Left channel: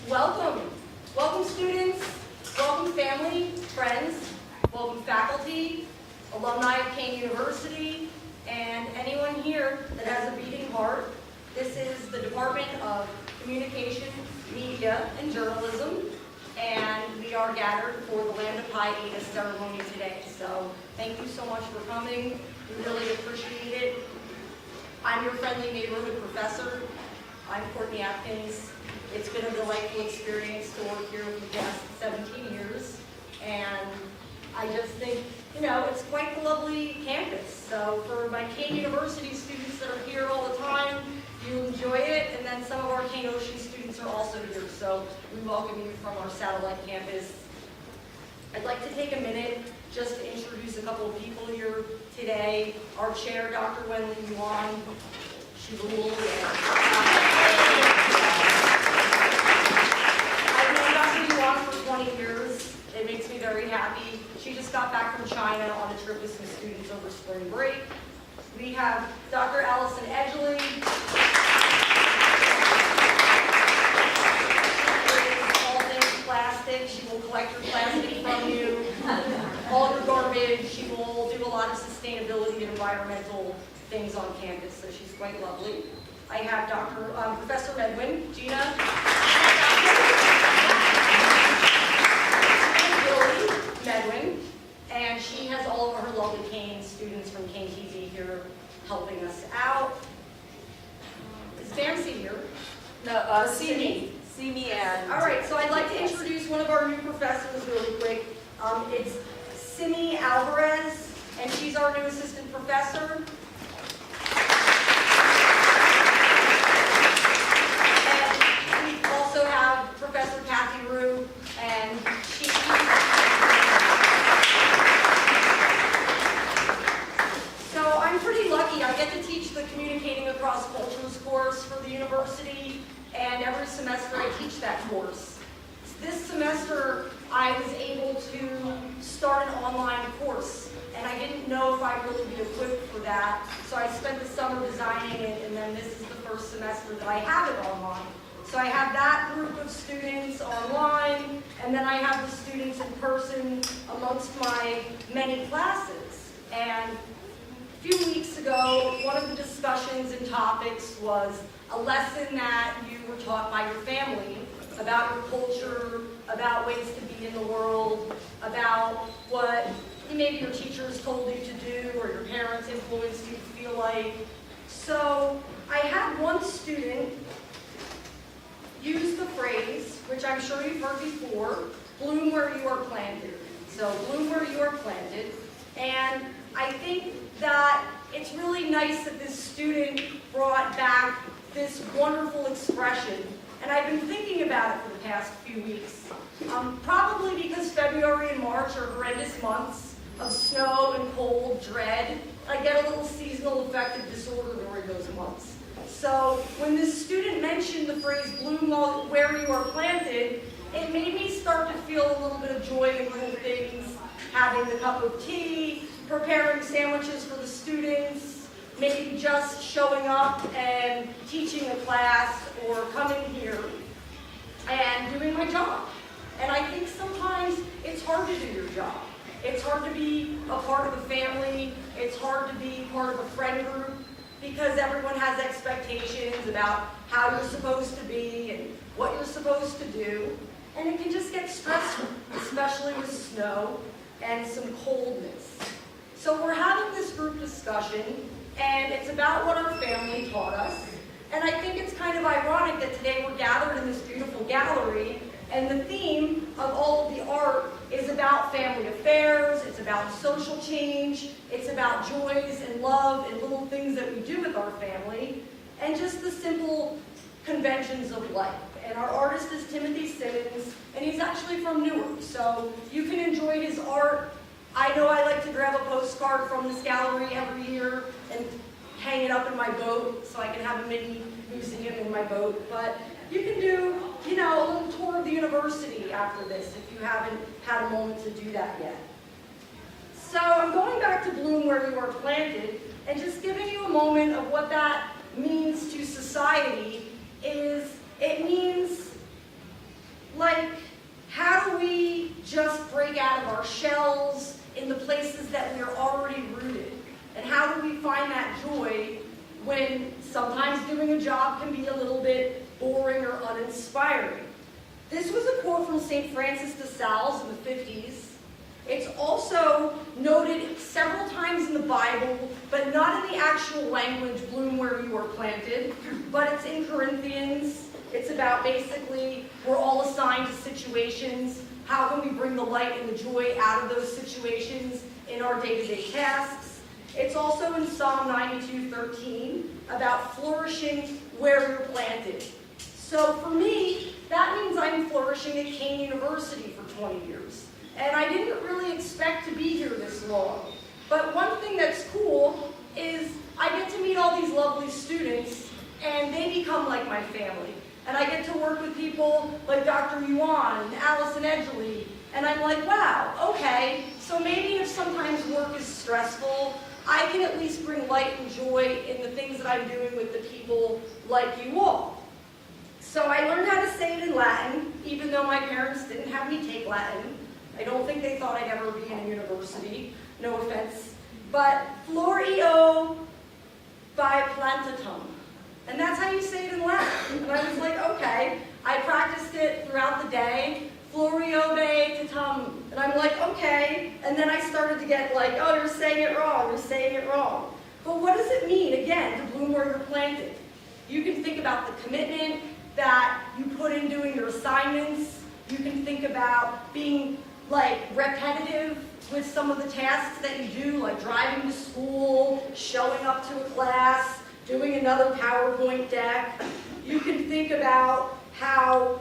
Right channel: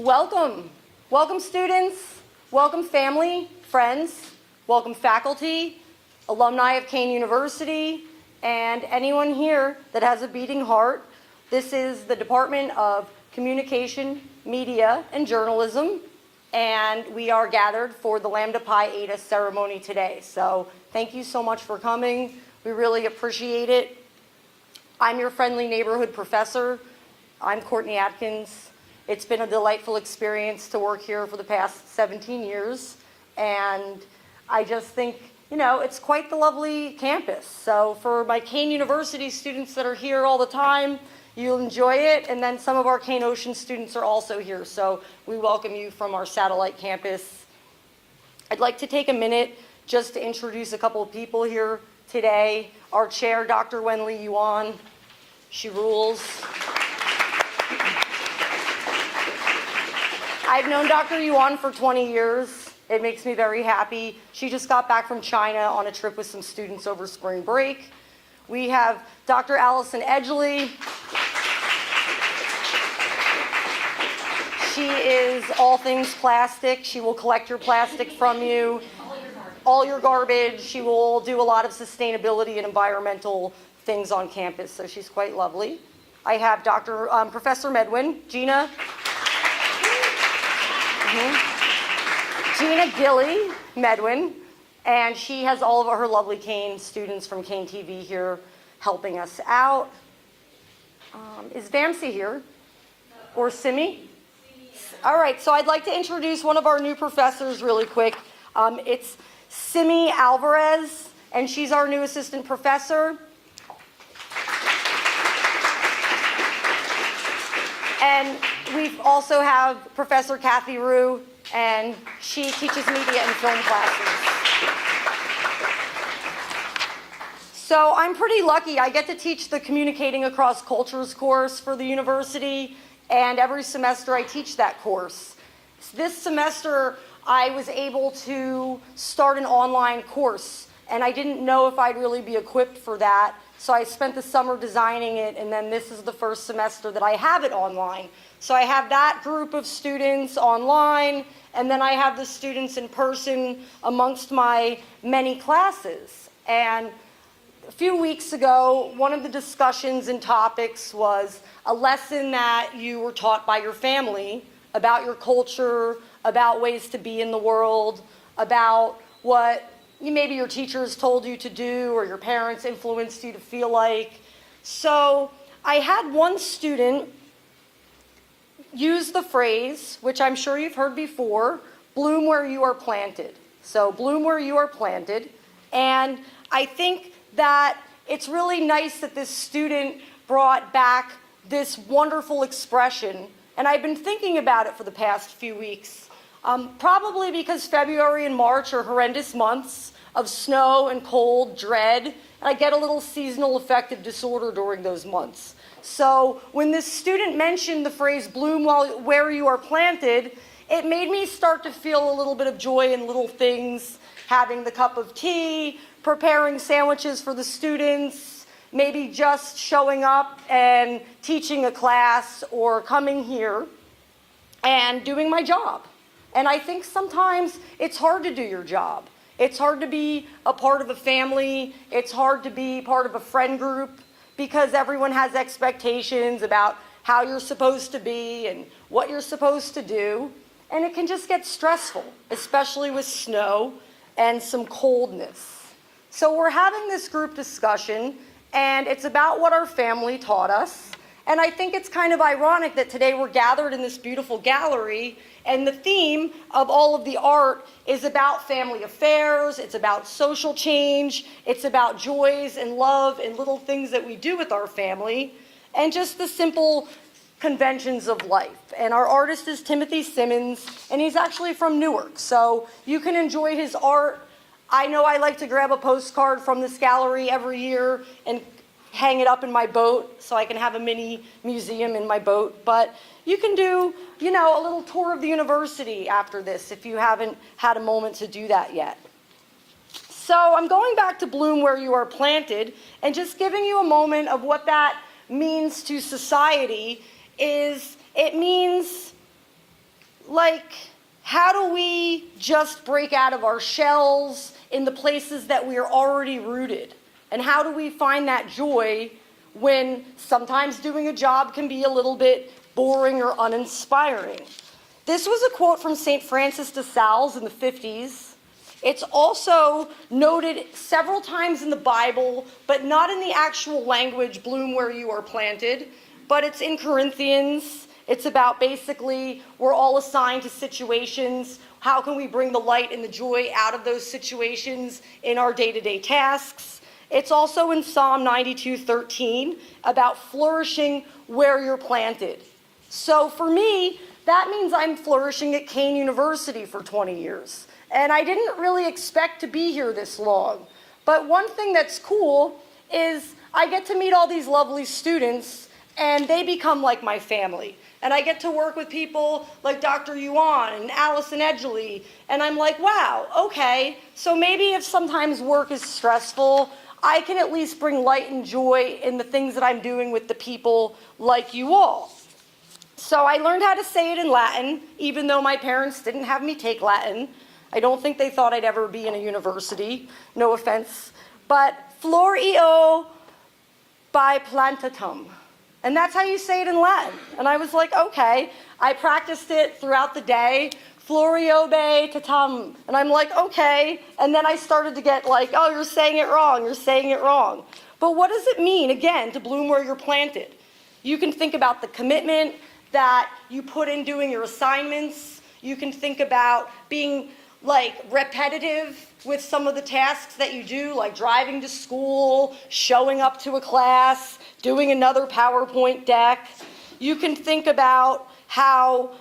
Welcome. Welcome students, welcome family, friends, welcome faculty, alumni of Kane University, and anyone here that has a beating heart. This is the Department of Communication, Media, and Journalism, and we are gathered for the Lambda Pi Eta ceremony today. So thank you so much for coming. We really appreciate it. I'm your friendly neighborhood professor. I'm Courtney Atkins. It's been a delightful experience to work here for the past 17 years. And I just think, it's quite the lovely campus. So for my Kane University students that are here all the time, you'll enjoy it. And then some of our Kane Ocean students are also here. So we welcome you from our satellite campus. I'd like to take a minute just to introduce a couple of people here today. Our chair, Dr. Wenli Yuan. She rules. I've known Dr. Yuan for 20 years. It makes me very happy. She just got back from China on a trip with some students over spring break. We have Dr. Allison Edgley. She is all things plastic. She will collect your plastic from you, all your garbage. She will do a lot of sustainability and environmental things on campus, so she's quite lovely. I have Professor Medwin, Gina Gilly Medwin, and she has all of her lovely Kane students from Kane TV here helping us out. Is Bamsi here? No, or Simi? Simi and... All right, so I'd like to introduce one of our new professors really quick. It's Simi Alvarez, and she's our new assistant professor. And we also have Professor Kathy Rue, and she teaches media and film classes. So I'm pretty lucky. I get to teach the Communicating Across Cultures course for the university, and every semester I teach that course. This semester I was able to start an online course, and I didn't know if I'd really be equipped for that, so I spent the summer designing it, and then this is the first semester that I have it online. So I have that group of students online, and then I have the students in person amongst my many classes. And a few weeks ago, one of the discussions and topics was a lesson that you were taught by your family about your culture, about ways to be in the world, about what maybe your teachers told you to do or your parents influenced you to feel like. So I had one student use the phrase, which I'm sure you've heard before, bloom where you are planted. So bloom where you are planted. And I think that it's really nice that this student brought back this wonderful expression. And I've been thinking about it for the past few weeks. Probably because February and March are horrendous months of snow and cold, dread. And I get a little seasonal affective disorder during those months. So when this student mentioned the phrase bloom where you are planted, it made me start to feel a little bit of joy in little things, having the cup of tea, preparing sandwiches for the students, maybe just showing up and teaching a class or coming here and doing my job. And I think sometimes it's hard to do your job. It's hard to be a part of a family. It's hard to be part of a friend group, because everyone has expectations about how you're supposed to be and what you're supposed to do. And it can just get stressful, especially with snow and some coldness. So we're having this group discussion, and it's about what our family taught us. And I think it's kind of ironic that today we're gathered in this beautiful gallery, and the theme of all of the art is about family affairs, it's about social change, it's about joys and love and little things that we do with our family, and just the simple conventions of life. And our artist is Timothy Simmons, and he's actually from Newark, so you can enjoy his art. I know I like to grab a postcard from this gallery every year and hang it up in my boat so I can have a mini museum in my boat, but you can do, a little tour of the university after this if you haven't had a moment to do that yet. So I'm going back to bloom where you are planted and just giving you a moment of what that means to society. Is it means do we just break out of our shells in the places that we are already rooted? And how do we find that joy when sometimes doing a job can be a little bit boring or uninspiring? This was a quote from St. Francis de Sales in the 50s. It's also noted several times in the Bible, but not in the actual language, bloom where you are planted, but it's in Corinthians. It's about basically we're all assigned to situations. How can we bring the light and the joy out of those situations in our day-to-day tasks? It's also in Psalm 92:13 about flourishing where you're planted. So for me, that means I'm flourishing at Kane University for 20 years. And I didn't really expect to be here this long. But one thing that's cool is I get to meet all these lovely students, and they become like my family. And I get to work with people like Dr. Yuan and Allison Edgley, and I'm like, wow, okay, so maybe if sometimes work is stressful, I can at least bring light and joy in the things that I'm doing with the people like you all. So I learned how to say it in Latin, even though my parents didn't have me take Latin. I don't think they thought I'd ever be in a university, no offense. But flor eo bi plantatum. And that's how you say it in Latin. And I was like, okay. I practiced it throughout the day. Floriobe tatum. And I'm like, okay. And then I started to get like, oh, you're saying it wrong. You're saying it wrong. But what does it mean, again, to bloom where you're planted? You can think about the commitment that you put in doing your assignments. You can think about being like repetitive with some of the tasks that you do, like driving to school, showing up to a class, doing another PowerPoint deck. You can think about how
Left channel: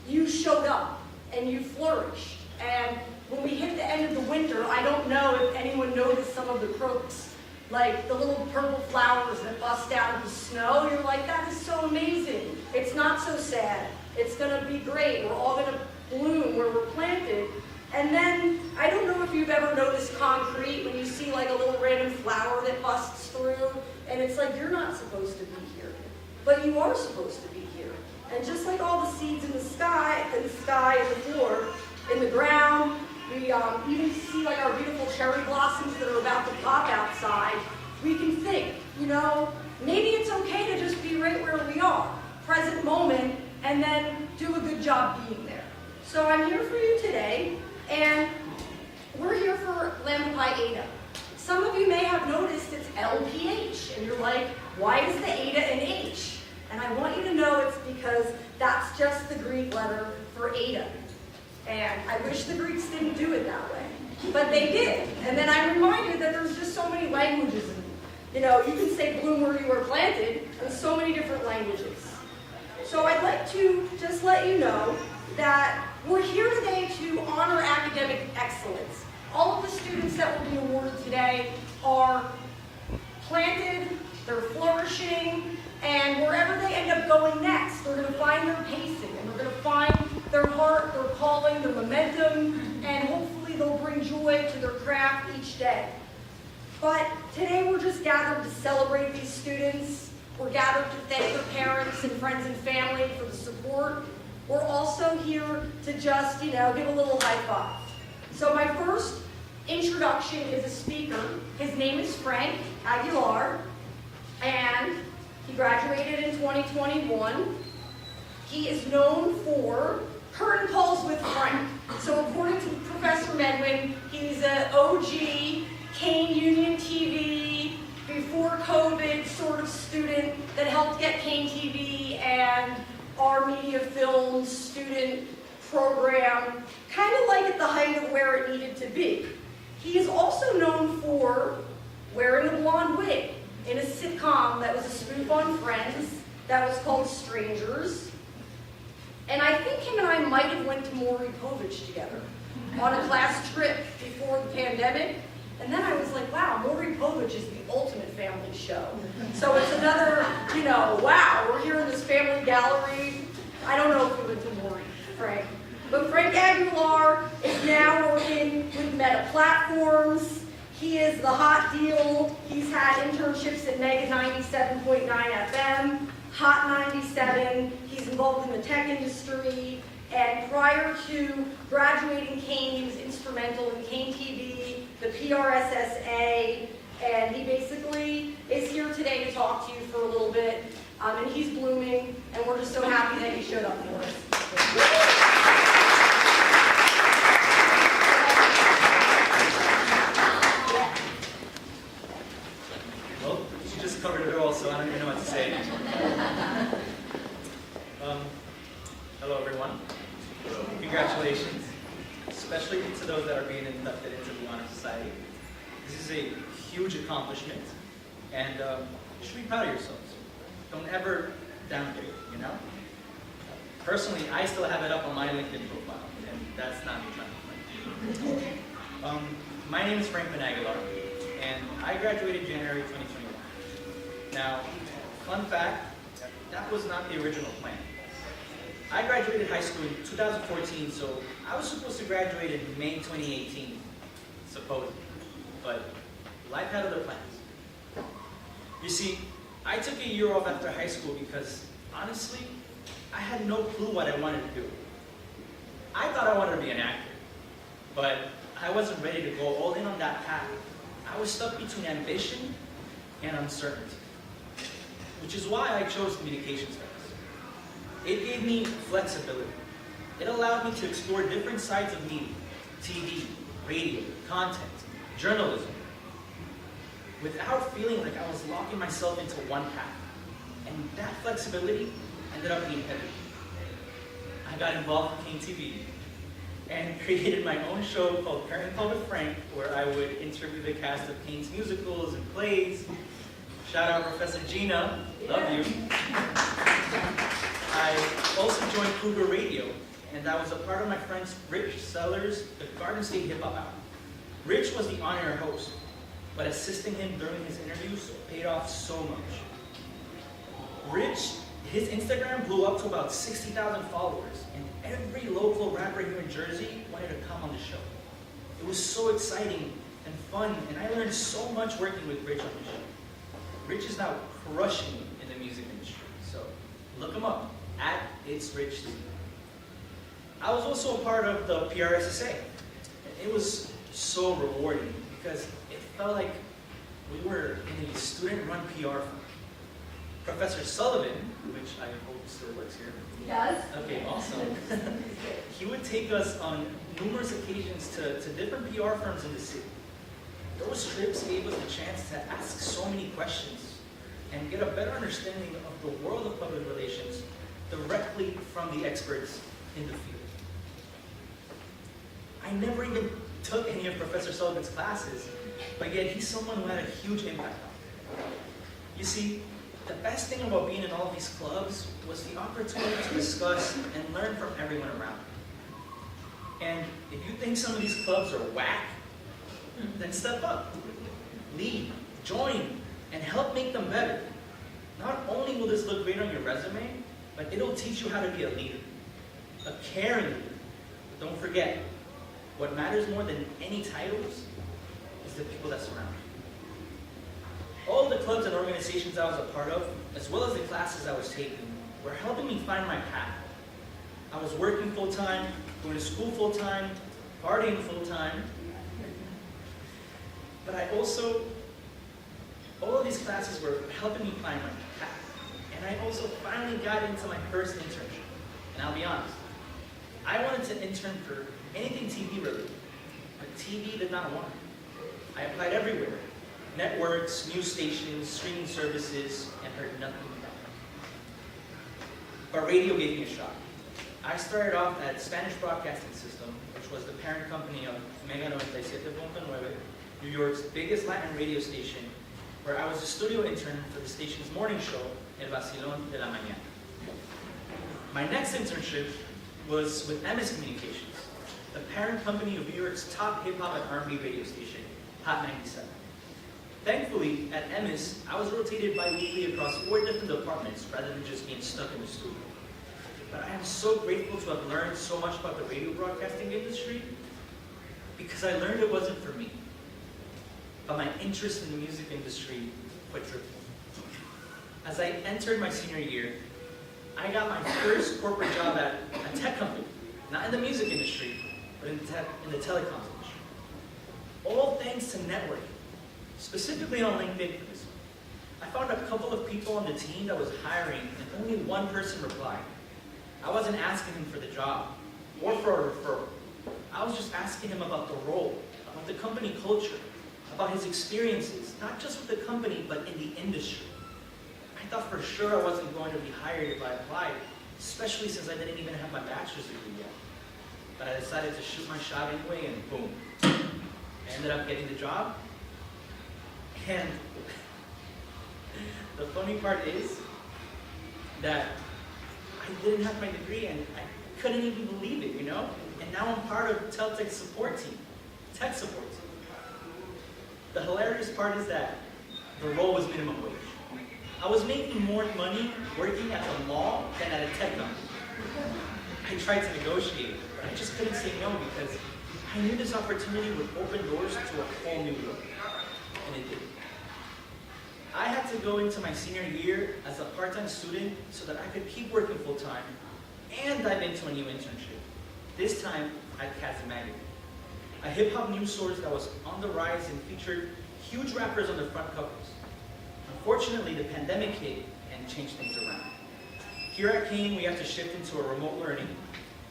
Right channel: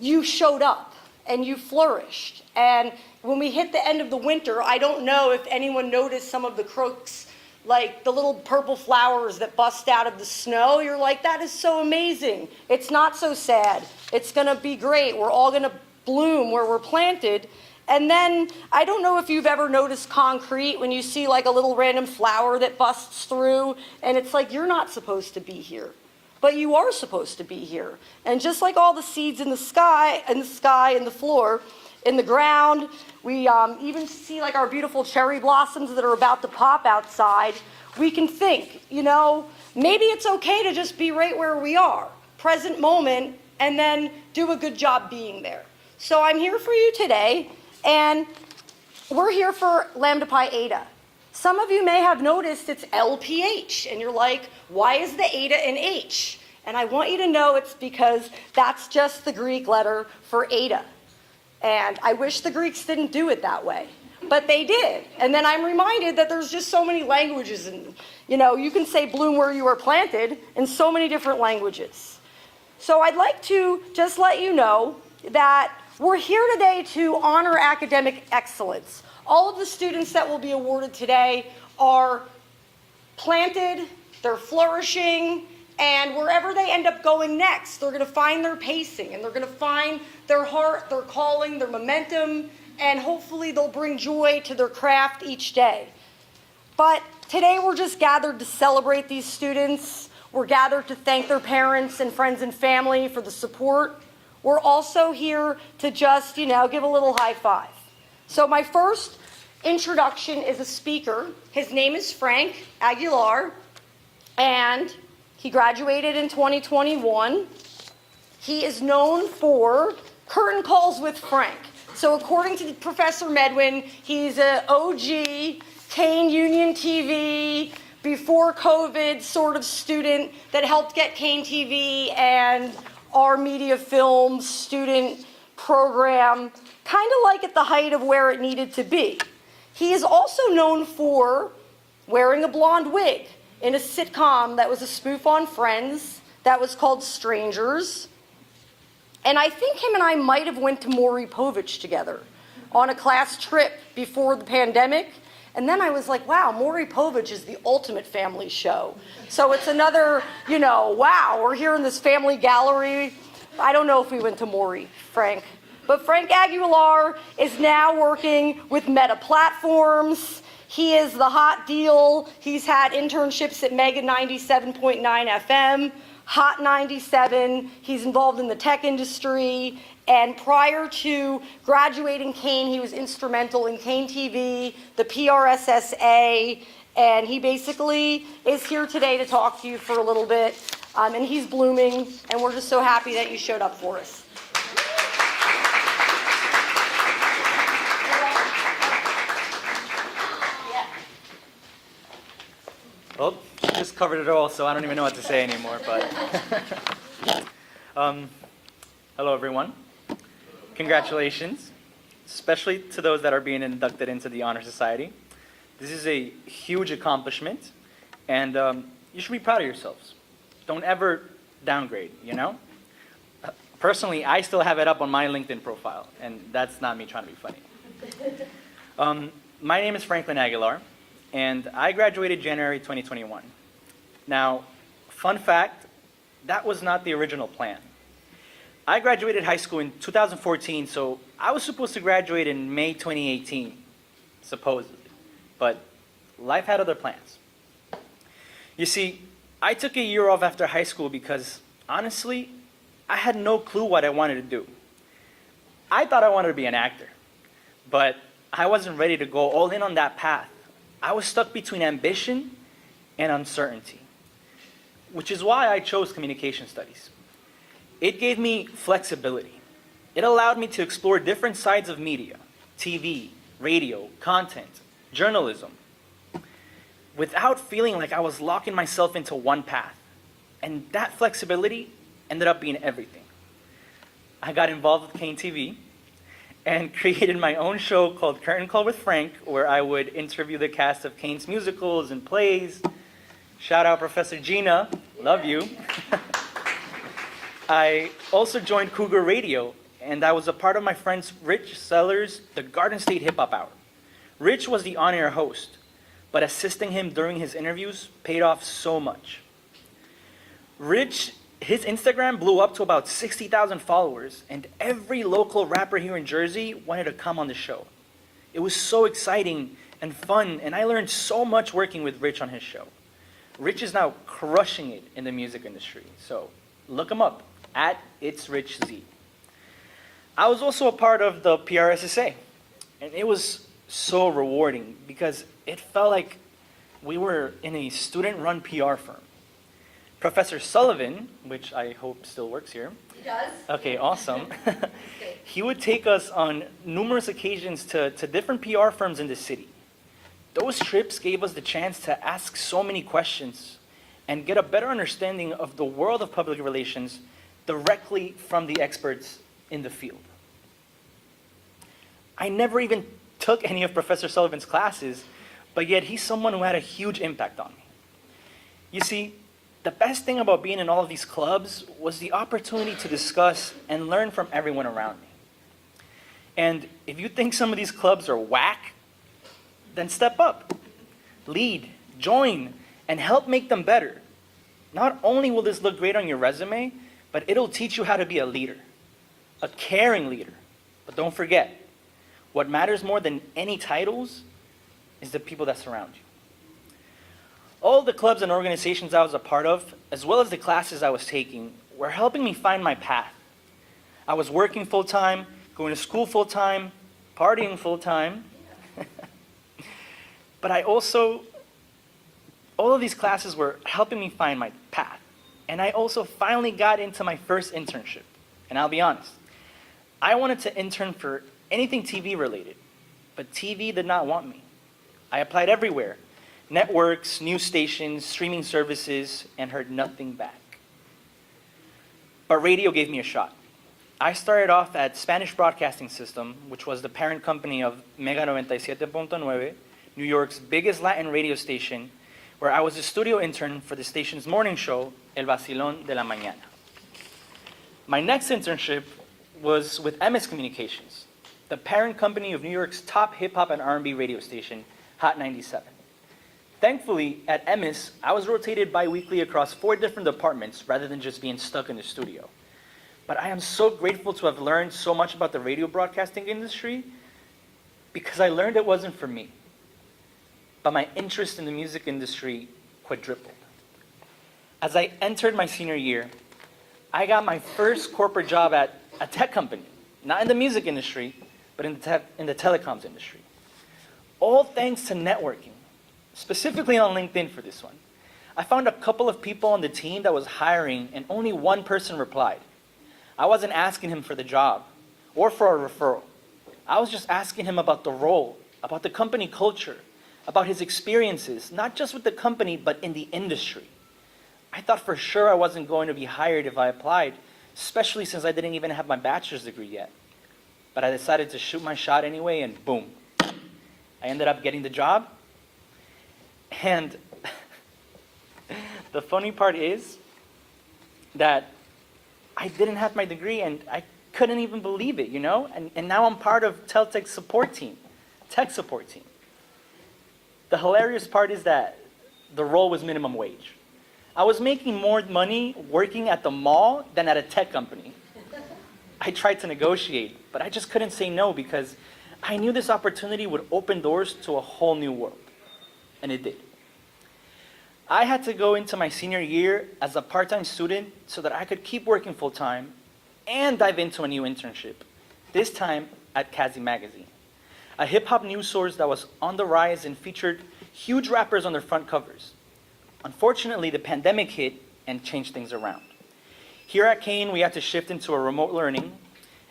you showed up and you flourished. And when we hit the end of the winter, I don't know if anyone noticed some of the crocus, like the little purple flowers that bust out of the snow. You're like, that is so amazing. It's not so sad. It's gonna be great. We're all gonna bloom where we're planted. And then, I don't know if you've ever noticed concrete when you see like a little random flower that busts through, and it's like, you're not supposed to be here, but you are supposed to be here. And just like all the seeds in the sky, in the floor, in the ground, we even see like our beautiful cherry blossoms that are about to pop outside, we can think, you know, maybe it's okay to just be right where we are, present moment, and then do a good job being there. So I'm here for you today. And we're here for Lambda Pi Eta. Some of you may have noticed it's LPH, and you're like, why is the Eta an H? And I want you to know it's because that's just the Greek letter for Eta. And I wish the Greeks didn't do it that way, but they did. And then I'm reminded that there's just so many languages. And, you know, you can say bloom where you were planted in so many different languages. So I'd like to just let you know that we're here today to honor academic excellence. All of the students that will be awarded today are planted, they're flourishing, and wherever they end up going next, they're going to find their pacing, and they're going to find their heart, their calling, their momentum, and hopefully they'll bring joy to their craft each day. But today we're just gathered to celebrate these students. We're gathered to thank their parents and friends and family for the support. We're also here to just, you know, give a little high five. So my first introduction is a speaker. His name is Frank Aguilar, and he graduated in 2021. He is known for curtain calls with Frank. So according to Professor Medwin, he's an OG, Kane Union TV, before COVID sort of student that helped get Kane TV and our media film student program kind of like at the height of where it needed to be. He is also known for wearing a blonde wig in a sitcom that was a spoof on Friends that was called Strangers. And I think him and I might have went to Maury Povich together on a class trip before the pandemic. And then I was like, wow, Maury Povich is the ultimate family show. So it's another, you know, wow, we're here in this family gallery. I don't know if we went to Maury, Frank. But Frank Aguilar is now working with Meta Platforms. He is the hot deal. He's had internships at Mega 97.9 FM, Hot 97, he's involved in the tech industry, and prior to graduating Kane, he was instrumental in Kane TV, the PRSSA, and he basically is here today to talk to you for a little bit, and he's blooming, and we're just so happy that you showed up for us. Well, she just covered it all, so I don't even know what to say anymore, but... hello, everyone. Congratulations, especially to those that are being inducted into the Honor Society. This is a huge accomplishment, and you should be proud of yourselves. Don't ever downgrade, you know? Personally, I still have it up on my LinkedIn profile, and that's not me trying to be funny. My name is Franklin Aguilar, and I graduated January 2021. Now, fun fact, that was not the original plan. I graduated high school in 2014, so I was supposed to graduate in May 2018, supposedly. But life had other plans. You see, I took a year off after high school because, honestly, I had no clue what I wanted to do. I thought I wanted to be an actor, but I wasn't ready to go all in on that path. I was stuck between ambition and uncertainty, which is why I chose communication studies. It gave me flexibility. It allowed me to explore different sides of media, TV, radio, content, journalism, without feeling like I was locking myself into one path. And that flexibility ended up being everything. I got involved with Kane TV and created my own show called Curtain Call with Frank, where I would interview the cast of Kane's musicals and plays. Shout out Professor Gina, love you. I also joined Cougar Radio, and I was a part of my friend Rich Sellers' The Garden State Hip Hop Hour. Rich was the on-air host, but assisting him during his interviews paid off so much. Rich, his Instagram blew up to about 60,000 followers, and every local rapper here in Jersey wanted to come on the show. It was so exciting and fun, and I learned so much working with Rich on his show. Rich is now crushing it in the music industry, so look him up, @It'sRichZ. I was also a part of the PRSSA, and it was so rewarding because it felt like we were in a student-run PR firm. Professor Sullivan, which I hope still works here. He does. Okay, awesome. He would take us on numerous occasions to different PR firms in the city. Those trips gave us the chance to ask so many questions and get a better understanding of the world of public relations directly from the experts in the field. I never even took any of Professor Sullivan's classes, but yet he's someone who had a huge impact on me. You see, the best thing about being in all of these clubs was the opportunity to discuss and learn from everyone around me. And if you think some of these clubs are whack, then step up, lead, join, and help make them better. Not only will this look great on your resume, but it'll teach you how to be a leader, a caring leader. But don't forget, what matters more than any titles is the people that surround you. All the clubs and organizations I was a part of, as well as the classes I was taking, were helping me find my path. I was working full-time, going to school full-time, partying full-time. But all of these classes were helping me find my path. And I also finally got into my first internship. And I'll be honest, I wanted to intern for anything TV related, but TV did not want me. I applied everywhere, networks, news stations, streaming services, and heard nothing back. But radio gave me a shot. I started off at Spanish Broadcasting System, which was the parent company of Mega 97.9, New York's biggest Latin radio station, where I was a studio intern for the station's morning show, El Vacilón de la Mañana. My next internship was with MS Communications, the parent company of New York's top hip-hop and R&B radio station, Hot 97. Thankfully, at MS, I was rotated bi-weekly across 4 different departments rather than just being stuck in the studio. But I am so grateful to have learned so much about the radio broadcasting industry because I learned it wasn't for me. But my interest in the music industry quadrupled. as I entered my senior year, I got my first corporate job at a tech company, not in the music industry, but in the telecoms industry. All thanks to networking, specifically on LinkedIn for this one. I found a couple of people on the team that was hiring and only one person replied. I wasn't asking him for the job or for a referral. I was just asking him about the role, about the company culture, about his experiences, not just with the company, but in the industry. I thought for sure I wasn't going to be hired if I applied, especially since I didn't even have my bachelor's degree yet. But I decided to shoot my shot anyway, and boom. I ended up getting the job. And the funny part is that I didn't have my degree, and I couldn't even believe it, you know? And now I'm part of Teltech's support team, tech support team. The hilarious part is that the role was minimum wage. I was making more money working at the mall than at a tech company. I tried to negotiate, but I just couldn't say no because I knew this opportunity would open doors to a whole new world. And it did. I had to go into my senior year as a part-time student so that I could keep working full-time and dive into a new internship, this time at Kazi Magazine, a hip-hop news source that was on the rise and featured huge rappers on their front covers. Unfortunately, the pandemic hit and changed things around. Here at Kane, we had to shift into a remote learning.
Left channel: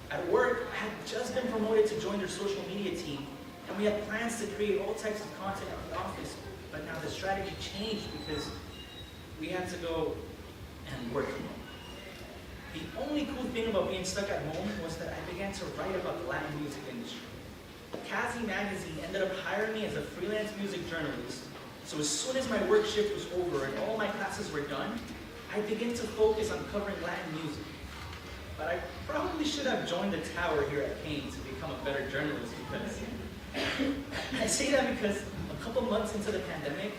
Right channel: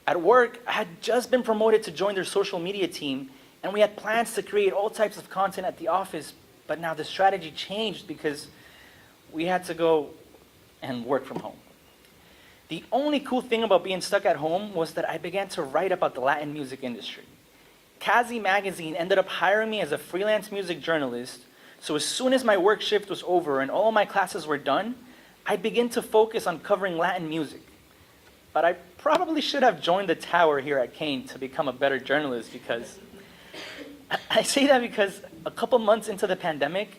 At work, I had just been promoted to join their social media team, and we had plans to create all types of content at the office, but now the strategy changed because we had to go and work from home. The only cool thing about being stuck at home was that I began to write about the Latin music industry. Kazi Magazine ended up hiring me as a freelance music journalist, so as soon as my work shift was over and all my classes were done, I'd begin to focus on covering Latin music. But I probably should have joined the tower here at Kane to become a better journalist because I say that because a couple months into the pandemic,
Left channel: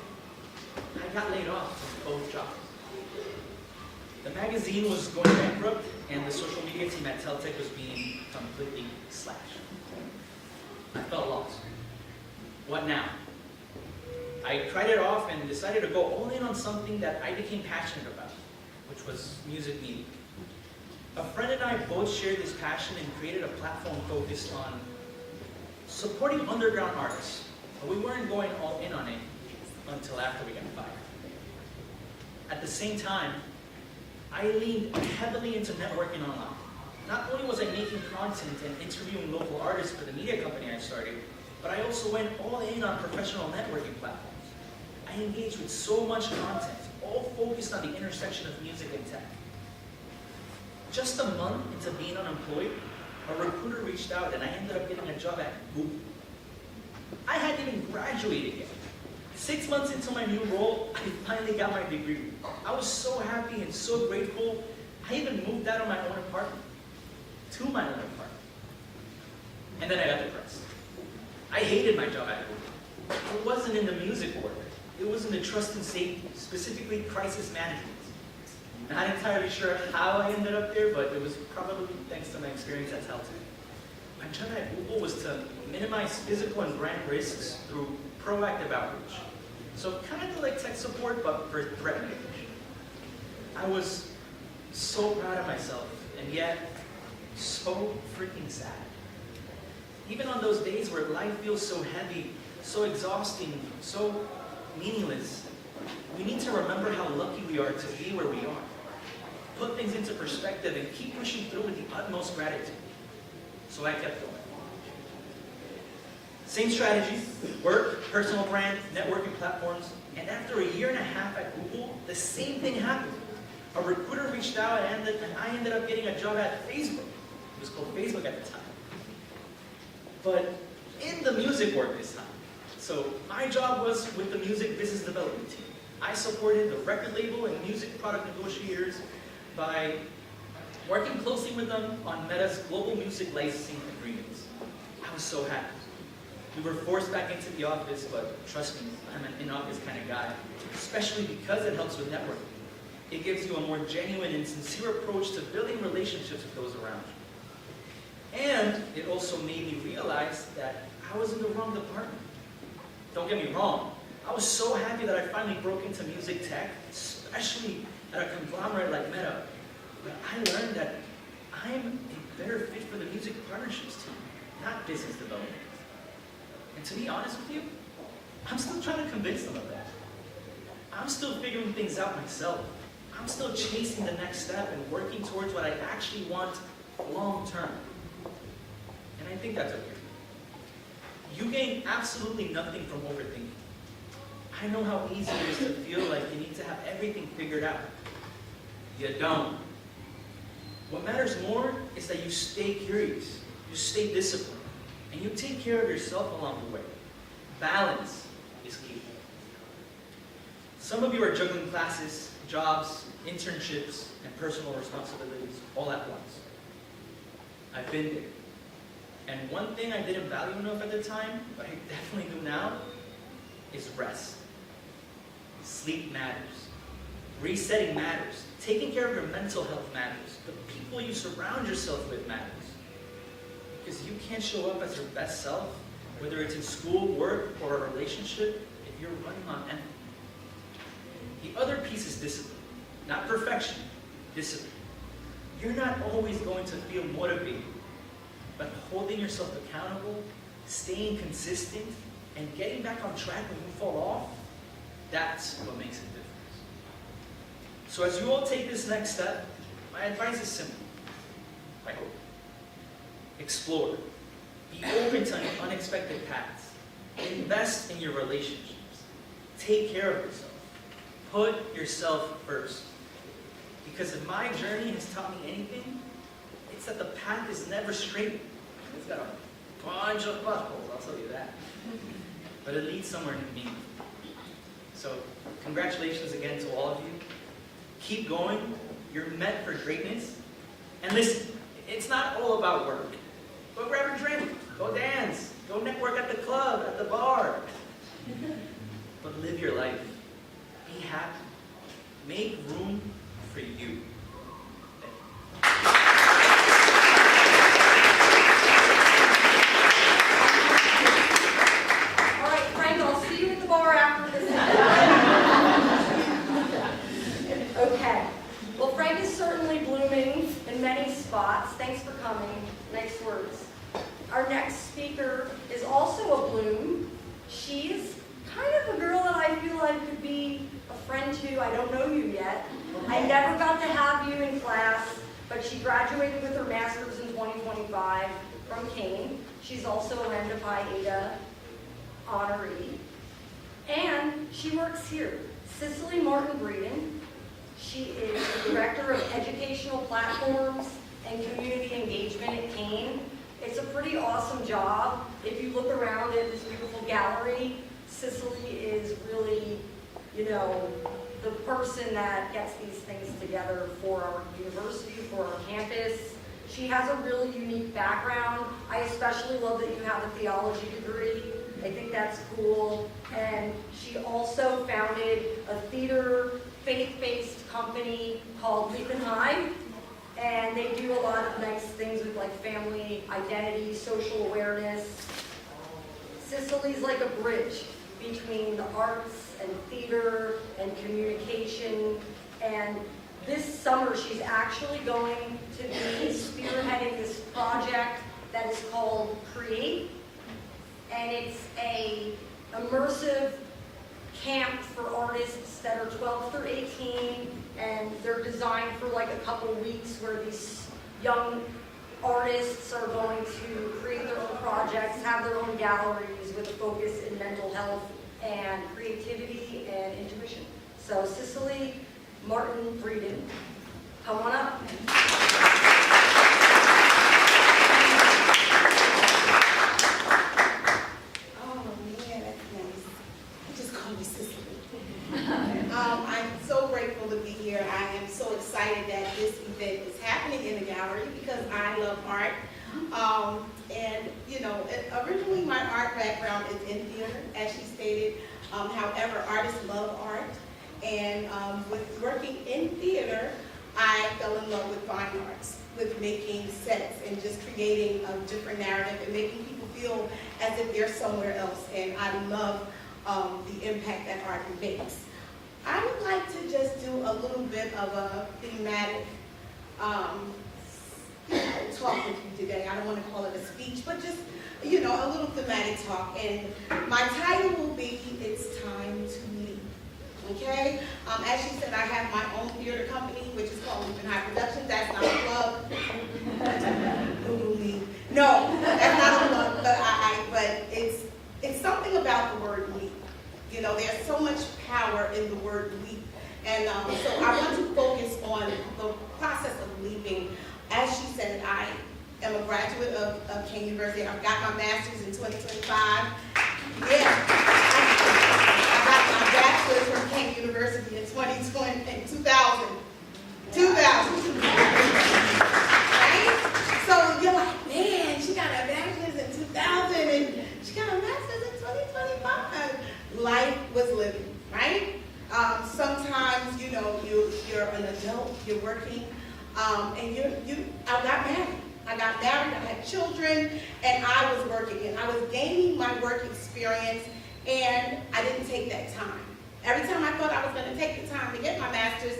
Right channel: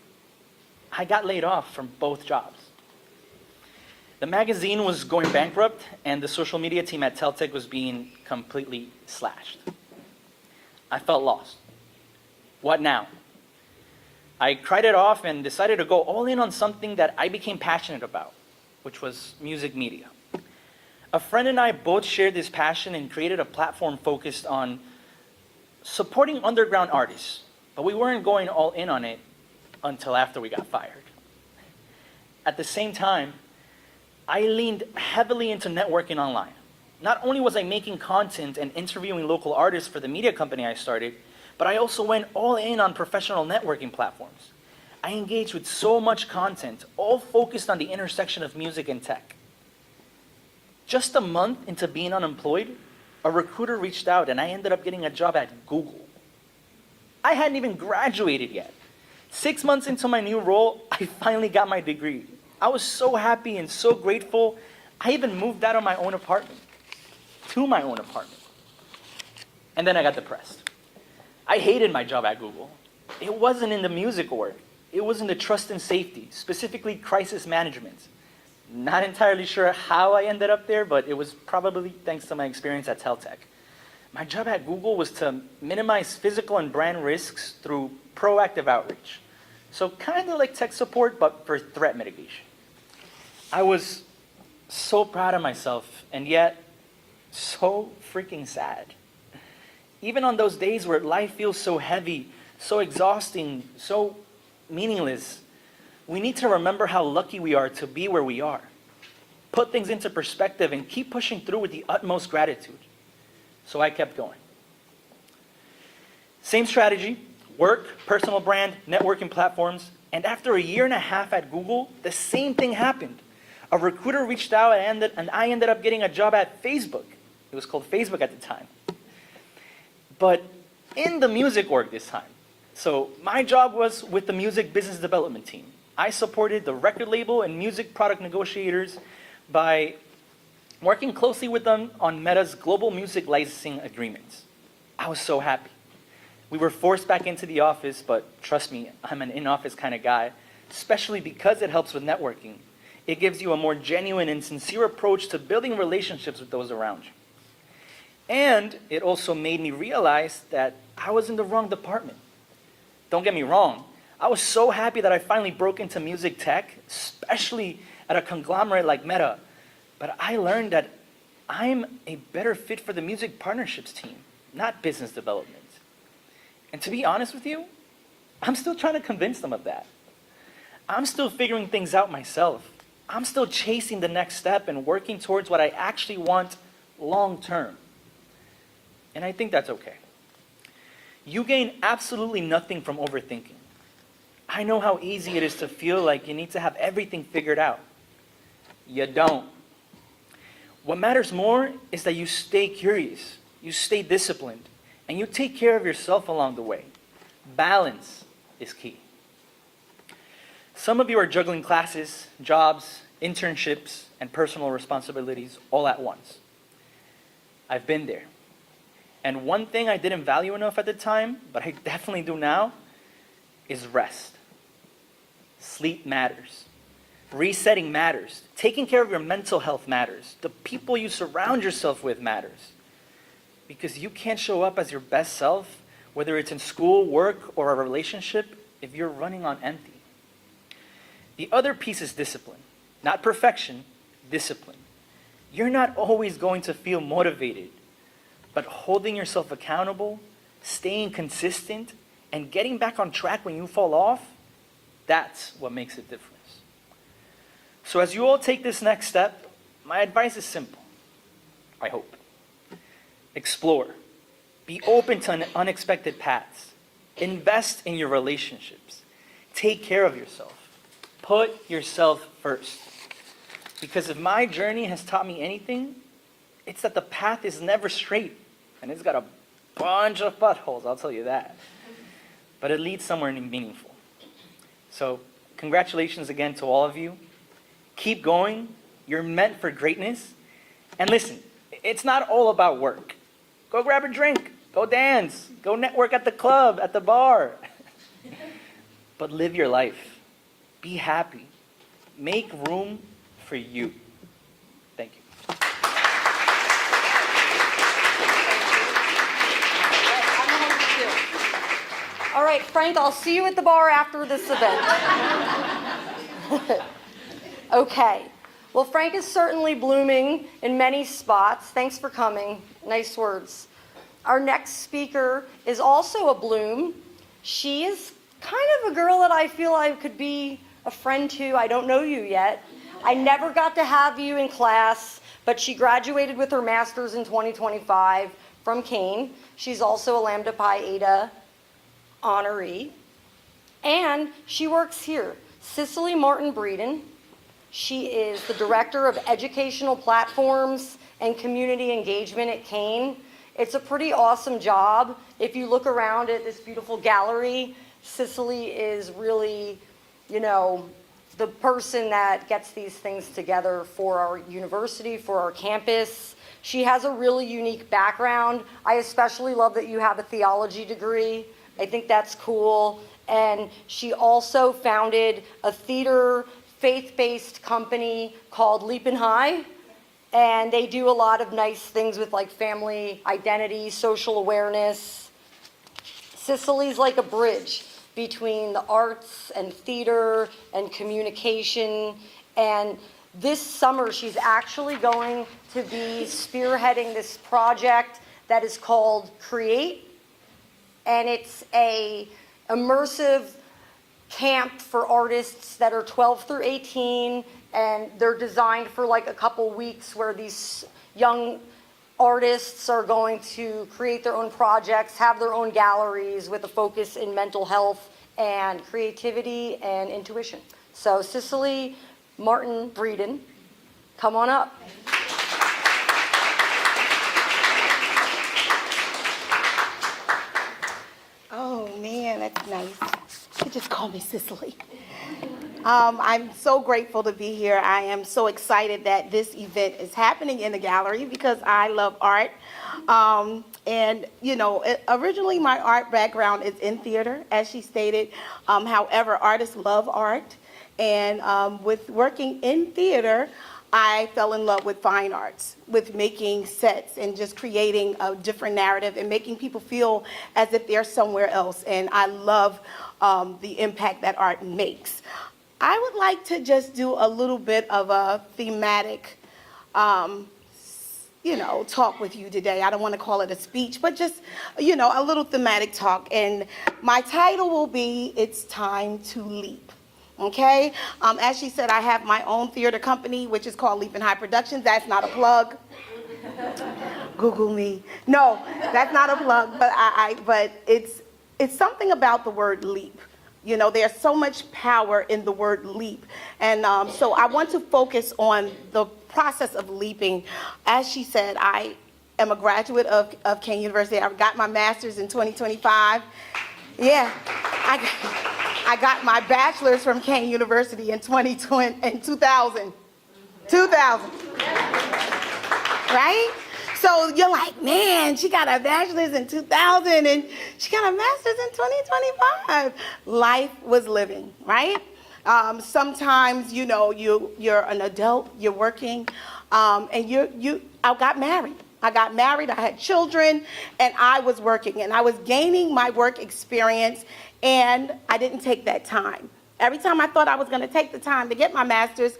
I got laid off from both jobs. The magazine was going bankrupt and the social media team at Teltech was being completely slashed. I felt lost. What now? I cried it off and decided to go all in on something that I became passionate about, which was music media. A friend and I both shared this passion and created a platform focused on supporting underground artists, but we weren't going all in on it until after we got fired. At the same time, I leaned heavily into networking online. Not only was I making content and interviewing local artists for the media company I started, but I also went all in on professional networking platforms. I engaged with so much content, all focused on the intersection of music and tech. Just a month into being unemployed, a recruiter reached out and I ended up getting a job at Google. I hadn't even graduated yet. 6 months into my new role, I finally got my degree. I was so happy and so grateful, I even moved out of my own apartment, to my own apartment. And then I got depressed. I hated my job at Google. It wasn't in the music org. It was in the trust and safety, specifically crisis management. Not entirely sure how I ended up there, but it was probably thanks to my experience at Teltech. My job at Google was to minimize physical and brand risks through proactive outreach. So kind of like tech support, but for threat mitigation. I was so proud of myself, and yet so freaking sad. Even on those days where life feels so heavy, so exhausting, so meaningless, we need to remember how lucky we are to be where we are. Put things into perspective and keep pushing through with the utmost gratitude. So I kept going. Same strategy, work, personal brand, networking platforms, and after a year and a half at Google, the same thing happened. A recruiter reached out and I ended up getting a job at Facebook. It was called Facebook at the time. But in the music org this time. So my job was with the music business development team. I supported the record label and music product negotiators by working closely with them on Meta's global music licensing agreements. I was so happy. We were forced back into the office, but trust me, I'm an in-office kind of guy, especially because it helps with networking. It gives you a more genuine and sincere approach to building relationships with those around you. And it also made me realize that I was in the wrong department. Don't get me wrong, I was so happy that I finally broke into music tech, especially at a conglomerate like Meta, but I learned that I'm a better fit for the music partnerships team, not business development. And to be honest with you, I'm still trying to convince them of that. I'm still figuring things out myself. I'm still chasing the next step and working towards what I actually want long term. And I think that's okay. You gain absolutely nothing from overthinking. I know how easy it is to feel like you need to have everything figured out. You don't. What matters more is that you stay curious, you stay disciplined, and you take care of yourself along the way. Balance is key. Some of you are juggling classes, jobs, internships, and personal responsibilities all at once. I've been there. And one thing I didn't value enough at the time, but I definitely do now, is rest. Sleep matters. Resetting matters. Taking care of your mental health matters. The people you surround yourself with matters. Because you can't show up as your best self, whether it's in school, work, or a relationship, if you're running on empty. The other piece is discipline. Not perfection, discipline. You're not always going to feel motivated, but holding yourself accountable, staying consistent, and getting back on track when you fall off, that's what makes a difference. So as you all take this next step, my advice is simple, I hope. Explore. Be open to unexpected paths. Invest in your relationships. Take care of yourself. Put yourself first. Because if my journey has taught me anything, it's that the path is never straight. And it's got a bunch of potholes, I'll tell you that. But it leads somewhere meaningful. So, congratulations again to all of you. Keep going. You're meant for greatness. And listen, it's not all about work. Go grab a drink. Go dance. Go network at the club, at the bar. But live your life. Be happy. Make room for you. Thank you. All right, Frank, I'll see you at the bar after this event. Okay. Well, Frank is certainly blooming in many spots. Thanks for coming. Nice words. Our next speaker is also a bloom. She is kind of a girl that I feel I could be a friend to. I don't know you yet. I never got to have you in class, but she graduated with her master's in 2025 from Kane. She's also a Lambda Pi Eta honoree. And she works here. Cicely Martin Breeden. She is the Director of Educational Platforms and Community Engagement at Kane. It's a pretty awesome job. If you look around at this beautiful gallery, Cicely is really, the person that gets these things together for our university, for our campus. She has a really unique background. I especially love that you have a theology degree. I think that's cool. And she also founded a theater faith-based company called Leap and High. And they do a lot of nice things with like family identity, social awareness. Cicely's like a bridge between the arts and theater and communication. And this summer, she's actually going to be spearheading this project that is called Create. And it's a immersive camp for artists that are 12 through 18, and they're designed for like a couple weeks where these young artists are going to create their own projects, have their own galleries with a focus in mental health and creativity and intuition. So Cicely Martin Breeden, come on up. Oh man, that's nice. You just call me Cicely. I'm so grateful to be here. I am so excited that this event is happening in the gallery because I love art. Originally my art background is in theater, as she stated. However, artists love art. And with working in theater, I fell in love with fine arts, with making sets and just creating a different narrative and making people feel as if they're somewhere else. And I love the impact that art makes. I would like to just do a little bit of a thematic, talk with you today. I don't want to call it a speech, but just, a little thematic talk. And my title will be, It's Time to Leap. Okay? As she said, I have my own theater company, which is called LPH Productions. That's not a plug. Google me. No, that's not a plug, but it's something about the word leap. There's so much power in the word leap. And so I want to focus on the process of leaping. As she said, I am a graduate of Kane University. I've got my master's in 2025. Yeah, I got my bachelor's from Kane University in 2000. Right? So you're like, man, she got a bachelor's in 2000 and she got a master's in 2025. Life was living, right? Sometimes, you're an adult, you're working, and I got married. I had children, and I was working, and I was gaining my work experience, and I didn't take that time. Every time I thought I was going to take the time to get my master's,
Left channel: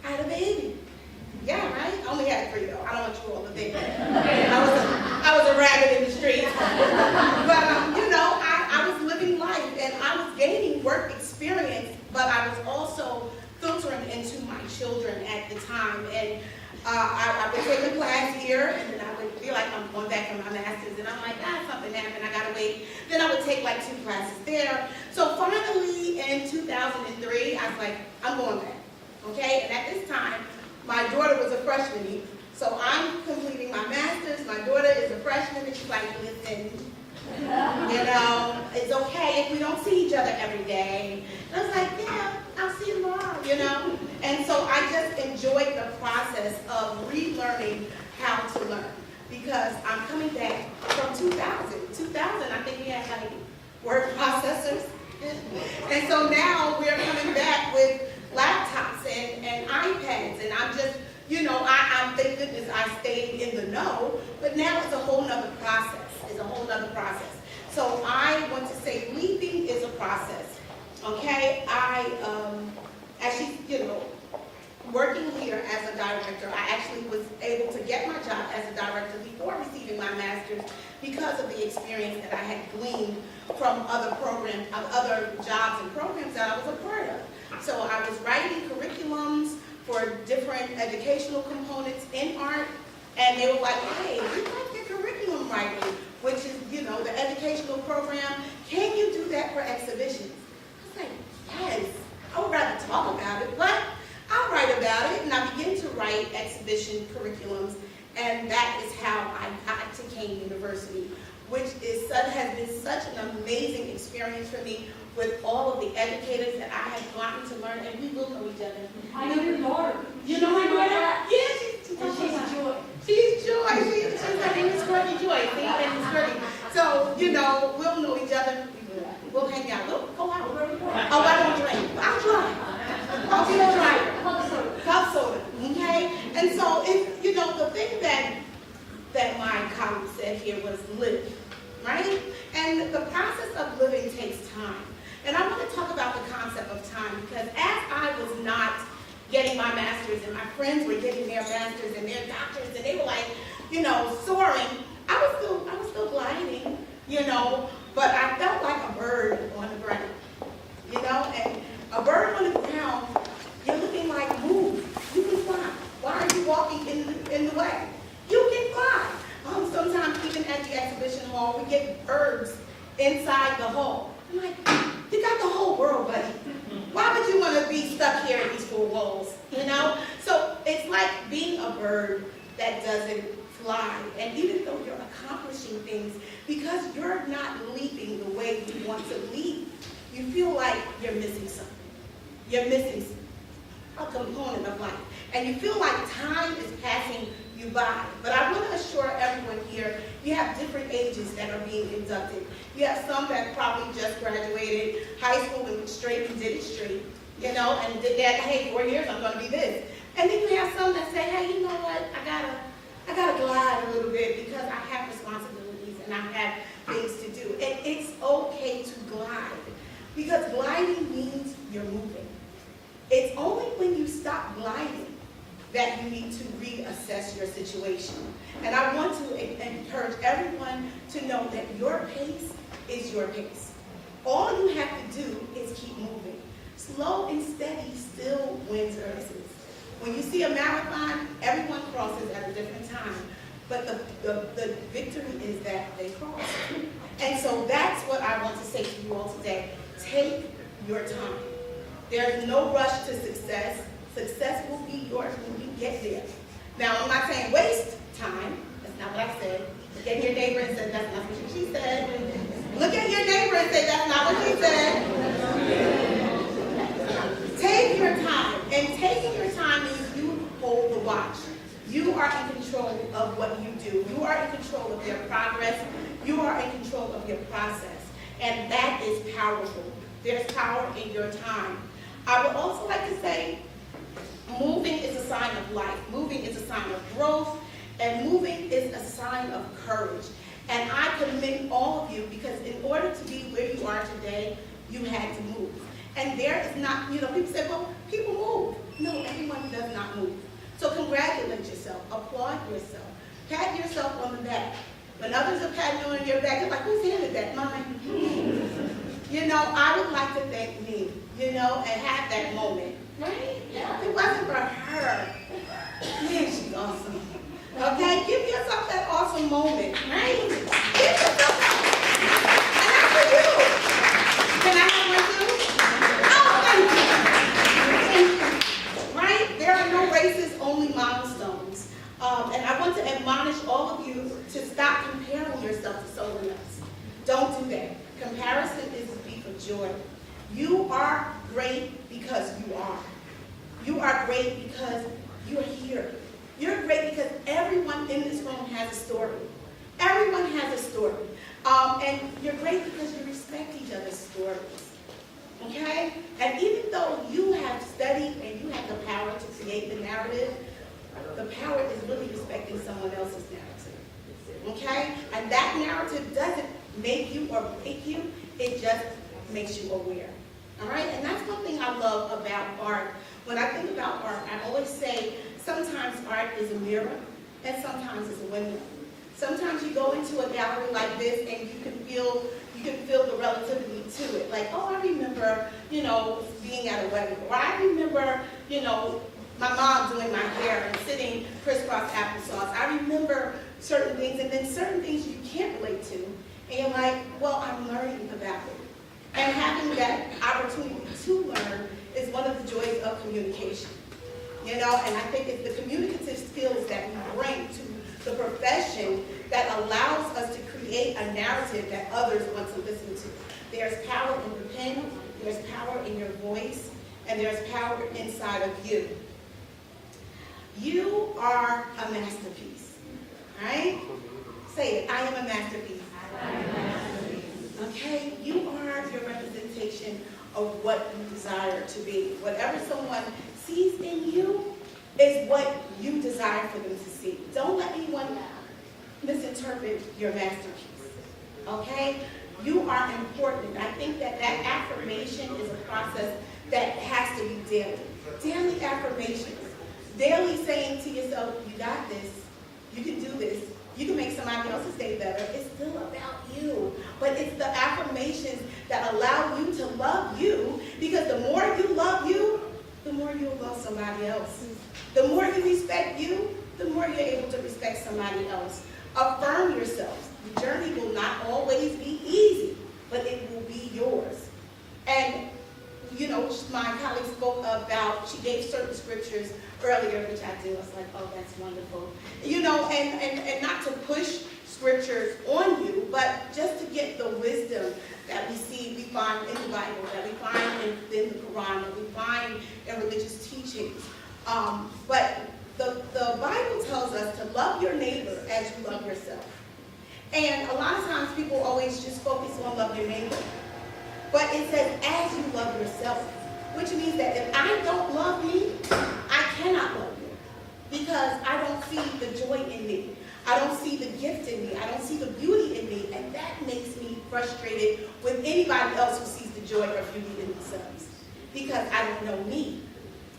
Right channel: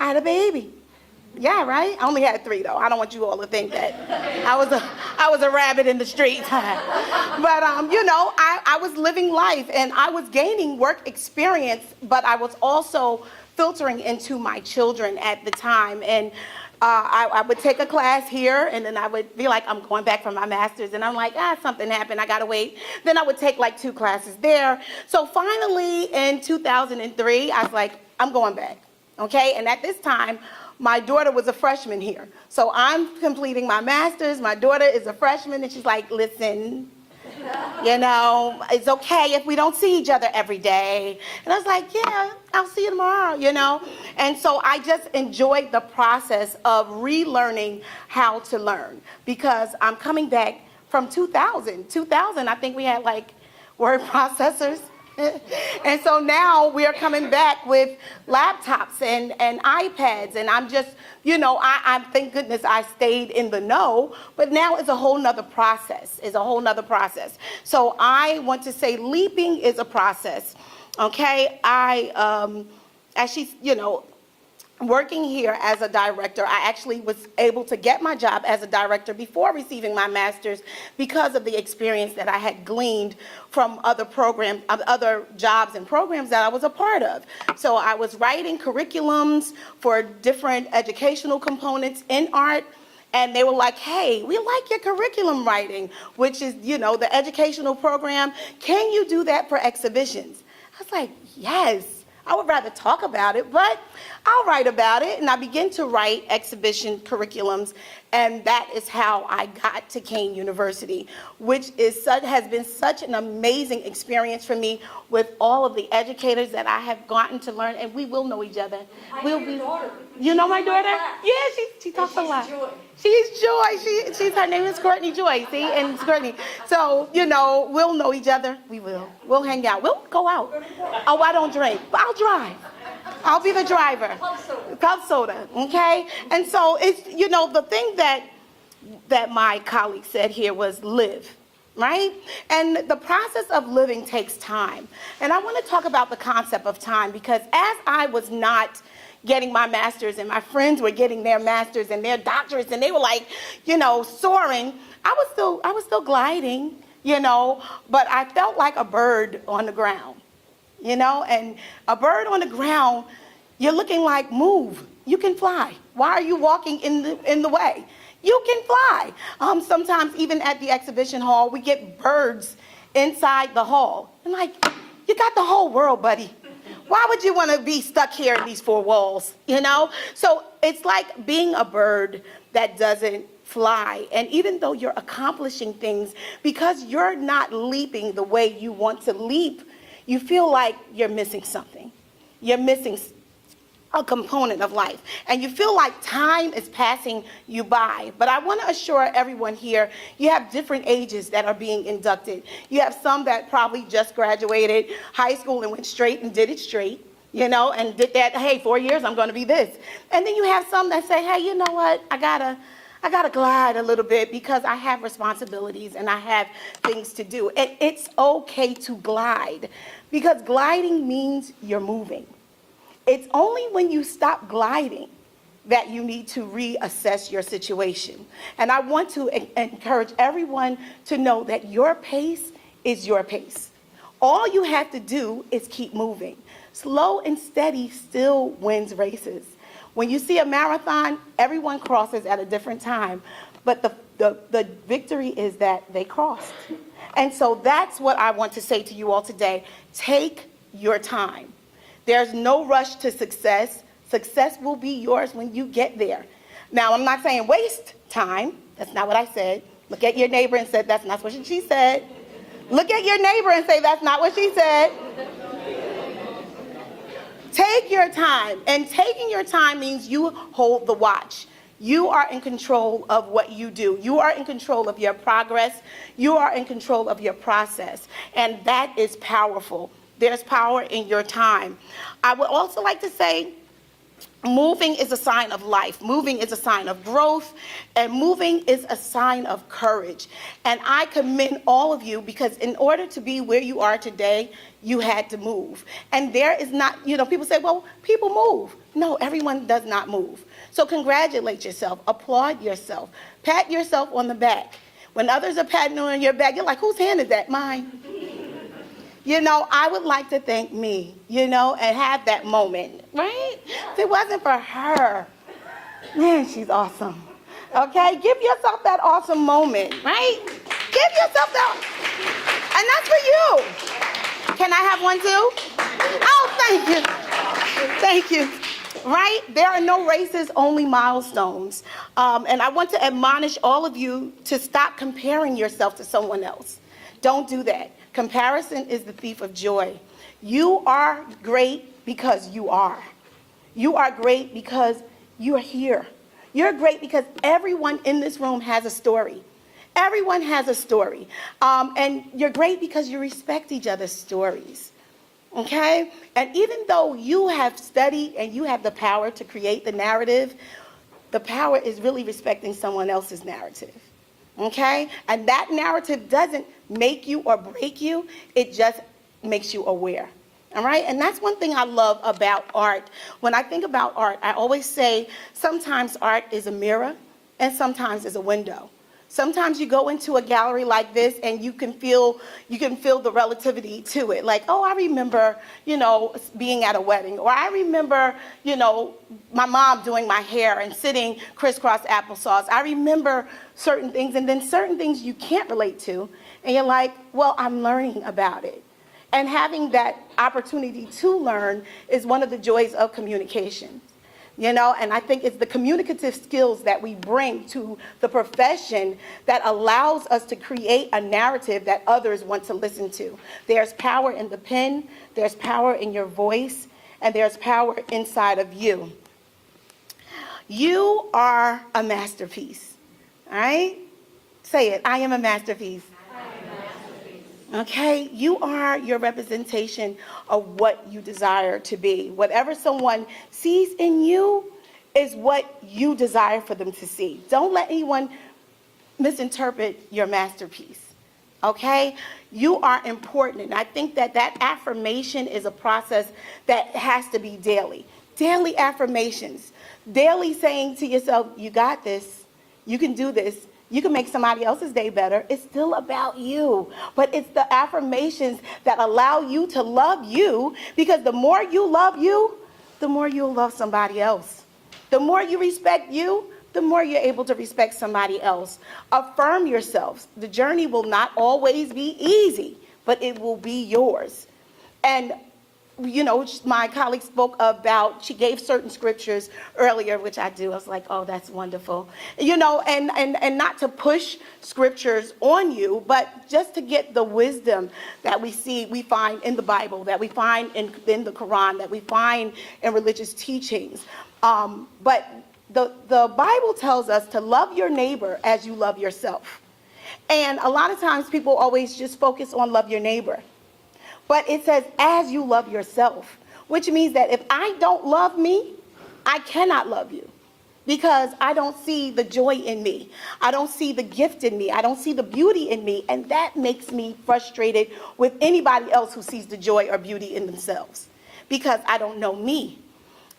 I had a baby. Yeah, right? I only had 3, though. I don't want you all to think that I was a rabbit in the street. But, I was living life, and I was gaining work experience, but I was also filtering into my children at the time. And I would take a class here, and then I would be like, I'm going back for my master's, and I'm like, something happened, I gotta wait. Then I would take like 2 classes there. So finally, in 2003, I was like, I'm going back, okay? And at this time, my daughter was a freshman here. So I'm completing my master's, my daughter is a freshman, and she's like, listen, it's okay if we don't see each other every day. And I was like, yeah, I'll see you tomorrow, And so I just enjoyed the process of relearning how to learn, because I'm coming back from 2000. 2000, I think we had like word processors. And so now we're coming back with laptops and iPads, and I'm just, I thank goodness I stayed in the know, but now it's a whole nother process. So I want to say leaping is a process, okay? As she's, working here as a director, I actually was able to get my job as a director before receiving my master's because of the experience that I had gleaned from other jobs and programs that I was a part of. So I was writing curriculums for different educational components in art, and they were like, hey, we like your curriculum writing, which is, the educational program. Can you do that for exhibitions? I was like, yes. I would rather talk about it, but I'll write about it. And I began to write exhibition curriculums, and that is how I got to Kane University, which has been such an amazing experience for me with all of the educators that I have gotten to learn, and we will know each other. I know your daughter. You know my daughter? Yeah, she talks a lot. She's Joy. Her name is Courtney Joy, see? And it's Courtney. So, we'll know each other. We will. We'll hang out. We'll go out. Oh, I don't drink, but I'll drive. I'll be the driver. Cup soda, okay? And so, it's, the thing that my colleague said here was live, right? And the process of living takes time. And I want to talk about the concept of time, because as I was not getting my master's and my friends were getting their masters and their doctorates, and they were like, soaring, I was still gliding, but I felt like a bird on the ground, and a bird on the ground, you're looking like, move, you can fly. Why are you walking in the way? You can fly. Sometimes even at the exhibition hall, we get birds inside the hall. I'm like, you got the whole world, buddy. Why would you want to be stuck here in these 4 walls, So it's like being a bird that doesn't fly. And even though you're accomplishing things, because you're not leaping the way you want to leap, you feel like you're missing something. You're missing a component of life. And you feel like time is passing you by. But I want to assure everyone here, you have different ages that are being inducted. You have some that probably just graduated high school and went straight and did it straight, and did that, hey, 4 years, I'm going to be this. And then you have some that say, hey, you know what, I gotta glide a little bit because I have responsibilities and I have things to do. It's okay to glide, because gliding means you're moving. It's only when you stop gliding that you need to reassess your situation. And I want to encourage everyone to know that your pace is your pace. All you have to do is keep moving. Slow and steady still wins races. When you see a marathon, everyone crosses at a different time, but the victory is that they cross. And so that's what I want to say to you all today. Take your time. There's no rush to success. Success will be yours when you get there. Now, I'm not saying waste time. That's not what I said. Look at your neighbor and say, that's not what she said. Look at your neighbor and say, that's not what she said. Take your time. And taking your time means you hold the watch. You are in control of what you do. You are in control of your progress. You are in control of your process. And that is powerful. There's power in your time. I would also like to say, moving is a sign of life. Moving is a sign of growth. And moving is a sign of courage. And I commend all of you because in order to be where you are today, you had to move. And there is not, people say, well, people move. No, everyone does not move. So congratulate yourself. Applaud yourself. Pat yourself on the back. When others are patting on your back, you're like, whose hand is that? Mine. I would like to thank me, and have that moment, right? If it wasn't for her, man, she's awesome. Okay? Give yourself that awesome moment, right? Give yourself that. And that's for you. Can I have one too? Oh, thank you. Thank you. Right? There are no races, only milestones. And I want to admonish all of you to stop comparing yourself to someone else. Don't do that. Comparison is the thief of joy. You are great because you are. You are great because you are here. You're great because everyone in this room has a story. Everyone has a story. And you're great because you respect each other's stories. Okay? And even though you have studied and you have the power to create the narrative, the power is really respecting someone else's narrative. Okay? And that narrative doesn't make you or break you. It just makes you aware. All right? And that's one thing I love about art. When I think about art, I always say sometimes art is a mirror and sometimes it's a window. Sometimes you go into a gallery like this and you can feel the relativity to it. Like, oh, I remember, being at a wedding. Or I remember, my mom doing my hair and sitting crisscross applesauce. I remember certain things, and then certain things you can't relate to. And you're like, well, I'm learning about it. And having that opportunity to learn is one of the joys of communication. And I think it's the communicative skills that we bring to the profession that allows us to create a narrative that others want to listen to. There's power in the pen, there's power in your voice, and there's power inside of you. You are a masterpiece, all right? Say it, I am a masterpiece. Okay, you are your representation of what you desire to be. Whatever someone sees in you is what you desire for them to see. Don't let anyone misinterpret your masterpiece, okay? You are important. And I think that affirmation is a process that has to be daily. Daily affirmations. Daily saying to yourself, you got this, you can do this, you can make somebody else's day better. It's still about you. But it's the affirmations that allow you to love you, because the more you love you, the more you'll love somebody else. The more you respect you, the more you're able to respect somebody else. Affirm yourself. The journey will not always be easy, but it will be yours. And my colleague spoke about, she gave certain scriptures earlier, which I do. I was like, oh, that's wonderful. And not to push scriptures on you, but just to get the wisdom that we find in the Bible, that we find in the Quran, that we find in religious teachings. But the Bible tells us to love your neighbor as you love yourself. And a lot of times people always just focus on love your neighbor. But it says, as you love yourself, which means that if I don't love me, I cannot love you, because I don't see the joy in me. I don't see the gift in me. I don't see the beauty in me. And that makes me frustrated with anybody else who sees the joy or beauty in themselves, because I don't know me.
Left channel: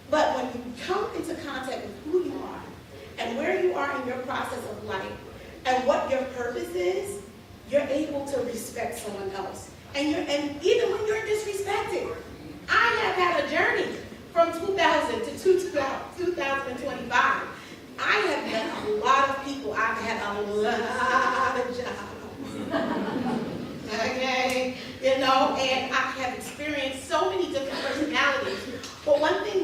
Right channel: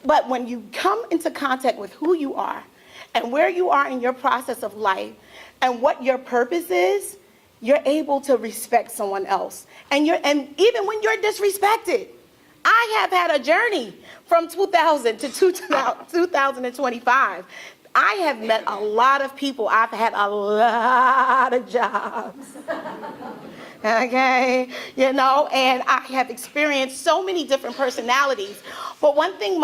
But when you come into contact with who you are and where you are in your process of life and what your purpose is, you're able to respect someone else. And even when you're disrespected, I have had a journey from 2000 to 2025. I have met a lot of people. I've had a lot of jobs. Okay, and I have experienced so many different personalities. But one thing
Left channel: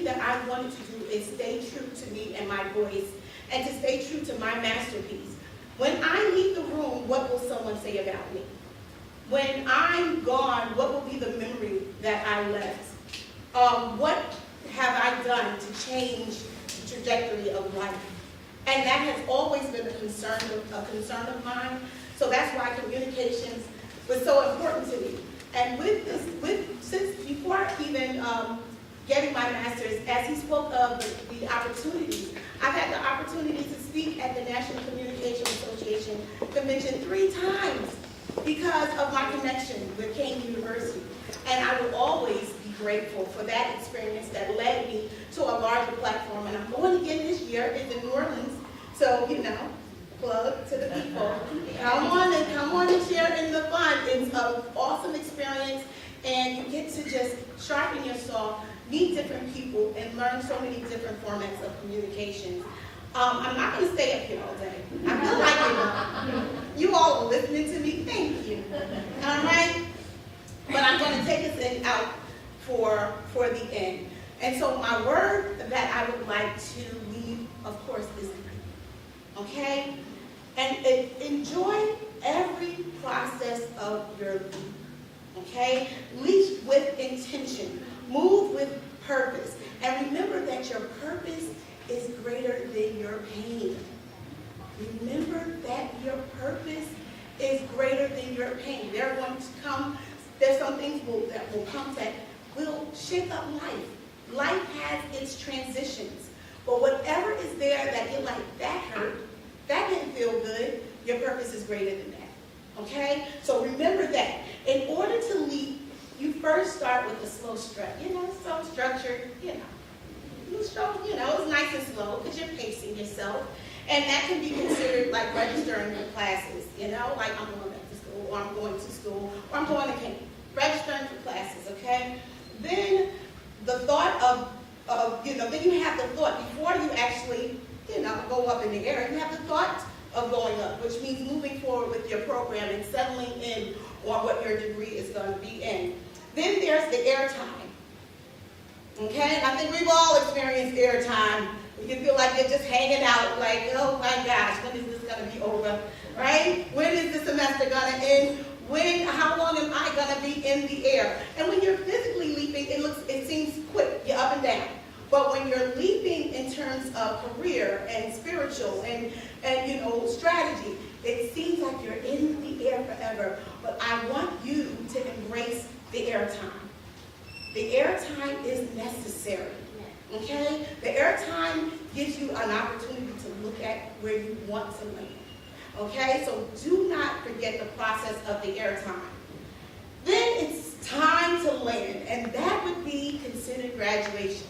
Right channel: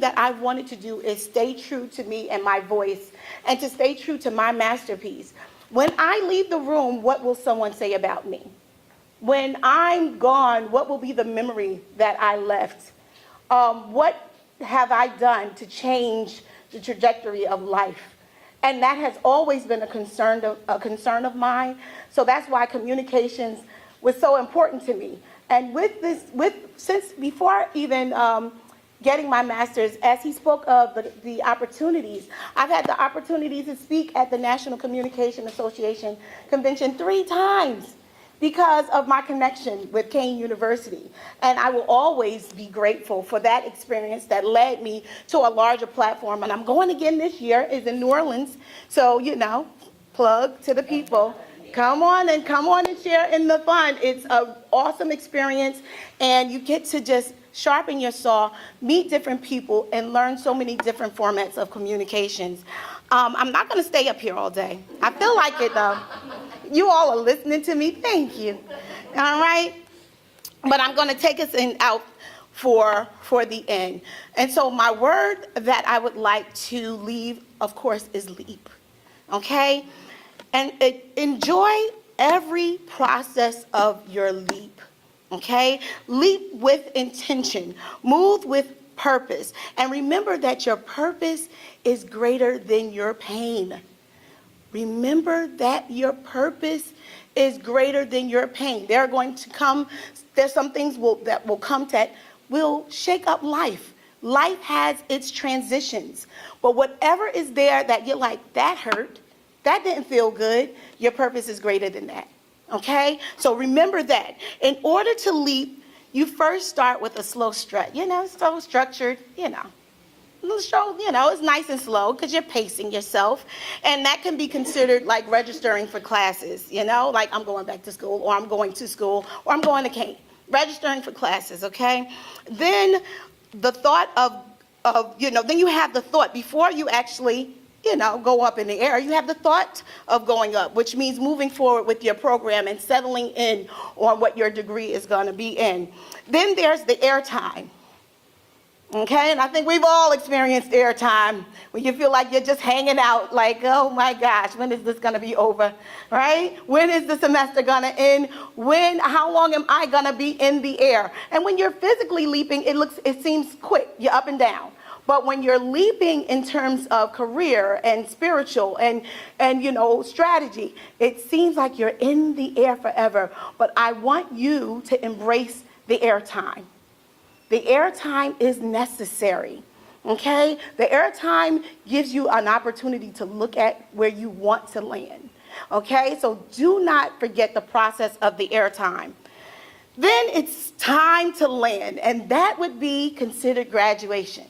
that I wanted to do is stay true to me and my voice, and to stay true to my masterpiece. When I leave the room, what will someone say about me? When I'm gone, what will be the memory that I left? What have I done to change the trajectory of life? And that has always been a concern of mine. So that's why communications was so important to me. And since before even getting my master's, as he spoke of the opportunities, I've had the opportunity to speak at the National Communication Association convention 3 times because of my connection with Kane University. And I will always be grateful for that experience that led me to a larger platform. And I'm going again this year. It's in New Orleans. So, plug to the people. Come on to share in the fun. It's an awesome experience. And you get to just sharpen your saw, meet different people, and learn so many different formats of communications. I'm not going to stay up here all day. I feel like it, though. You all are listening to me. Thank you. All right? But I'm going to take us out for the end. And so my word that I would like to leave, of course, is leap. Okay? And enjoy every process of your leap. Okay? Leap with intention. Move with purpose. And remember that your purpose is greater than your pain. Remember that your purpose is greater than your pain. There's some things that will come that will shake up life. Life has its transitions. But whatever is there that you're like, that hurt, that didn't feel good, your purpose is greater than that. Okay? So remember that. In order to leap, you first start with a slow strut. Slow structured, it's nice and slow because you're pacing yourself. And that can be considered like registering for classes, like I'm going back to school, or I'm going to school, or I'm going to camp. Registering for classes, okay? Then the thought then you have the thought before you actually, go up in the air. You have the thought of going up, which means moving forward with your program and settling in on what your degree is going to be in. Then there's the airtime. Okay, and I think we've all experienced airtime when you feel like you're just hanging out like, oh my gosh, when is this gonna be over, right? When is the semester gonna end? How long am I gonna be in the air? And when you're physically leaping, it seems quick, you're up and down. But when you're leaping in terms of career and spiritual and strategy, it seems like you're in the air forever. But I want you to embrace the airtime. The airtime is necessary, okay? The airtime gives you an opportunity to look at where you want to land, okay? So do not forget the process of the airtime. Then it's time to land, and that would be considered graduation.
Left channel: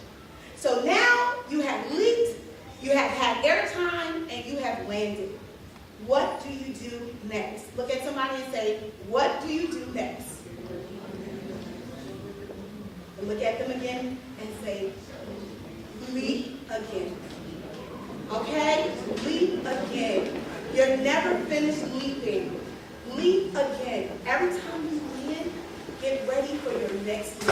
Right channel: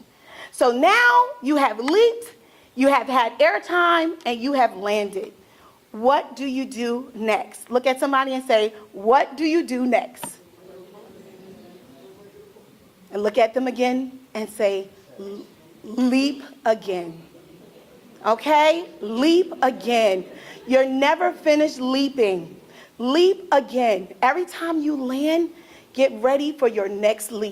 So now you have leaped, you have had airtime, and you have landed. What do you do next? Look at somebody and say, what do you do next? And look at them again and say, leap again. Okay? Leap again. You're never finished leaping. Leap again. Every time you land, get ready for your next leap.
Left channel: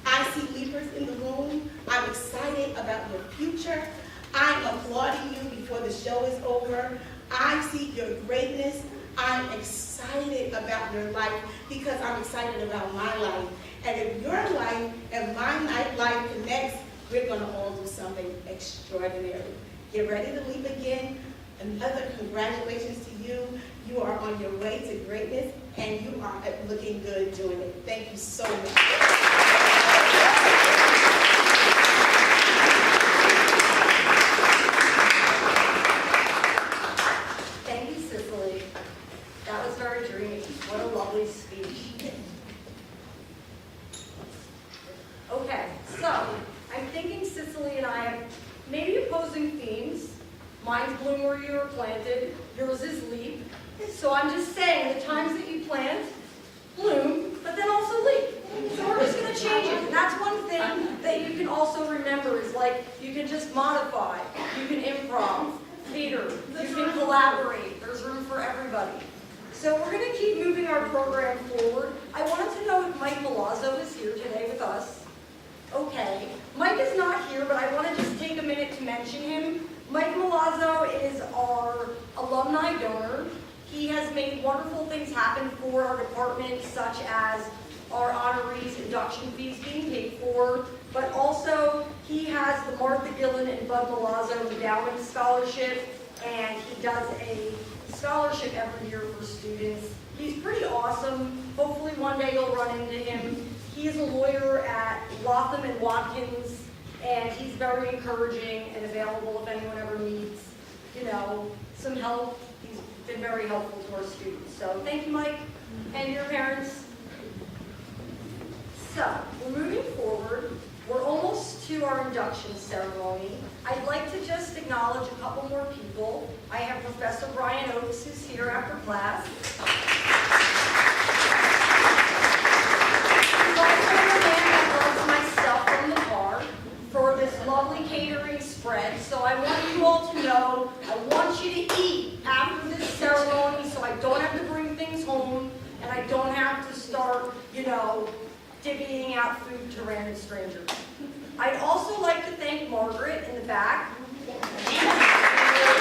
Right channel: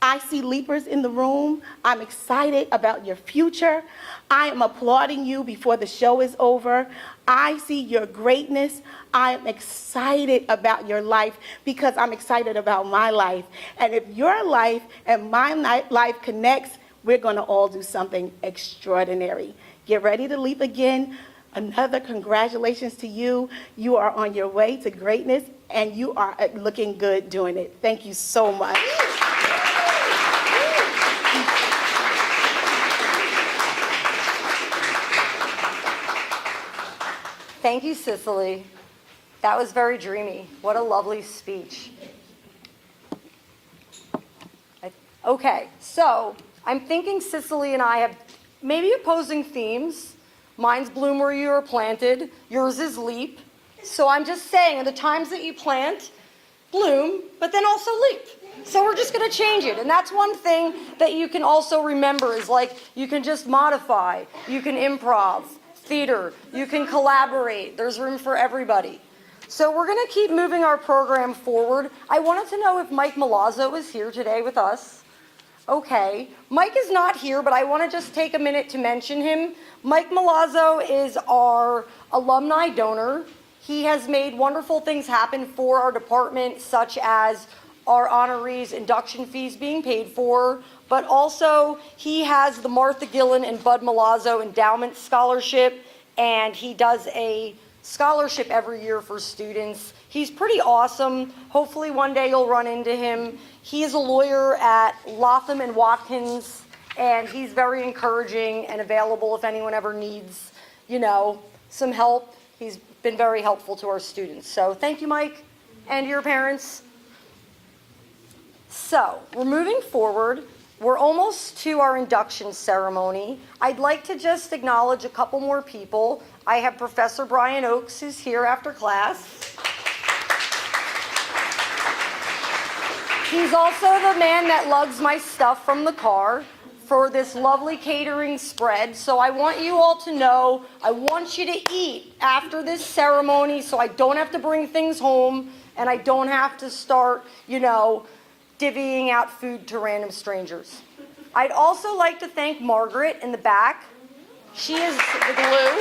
I see leapers in the room. I'm excited about your future. I am applauding you before the show is over. I see your greatness. I'm excited about your life because I'm excited about my life. And if your life and my life connects, we're going to all do something extraordinary. Get ready to leap again. Another congratulations to you. You are on your way to greatness, and you are looking good doing it. Thank you so much. Thank you, Cicely. That was very dreamy. What a lovely speech. Okay, so I'm thinking Cicely and I have maybe opposing themes. Mine's bloom where you are planted, yours is leap. So I'm just saying, the times that you plant, bloom, but then also leap. So we're just going to change it. And that's one thing that you can also remember is like you can just modify, you can improv, theater, you can collaborate. There's room for everybody. So we're going to keep moving our program forward. I wanted to know if Mike Milazzo is here today with us. Okay. Mike is not here, but I want to just take a minute to mention him. Mike Milazzo is our alumni donor. He has made wonderful things happen for our department, such as our honorees induction fees being paid for, but also he has the Martha Gillen and Bud Milazzo Endowment Scholarship, and he does a scholarship every year for students. He's pretty awesome. Hopefully one day you'll run into him. He is a lawyer at Latham and Watkins, and he's very encouraging and available if anyone ever needs, some help. He's been very helpful to our students. So thank you, Mike, and your parents. So we're moving forward. We're almost to our induction ceremony. I'd like to just acknowledge a couple more people. I have Professor Brian Oakes, who's here after class. He's also the man that loves my stuff from the car for this lovely catering spread. So I want you all to know, I want you to eat after this ceremony so I don't have to bring things home and I don't have to start, divvying out food to random strangers. I'd also like to thank Margaret in the back. She is the glue.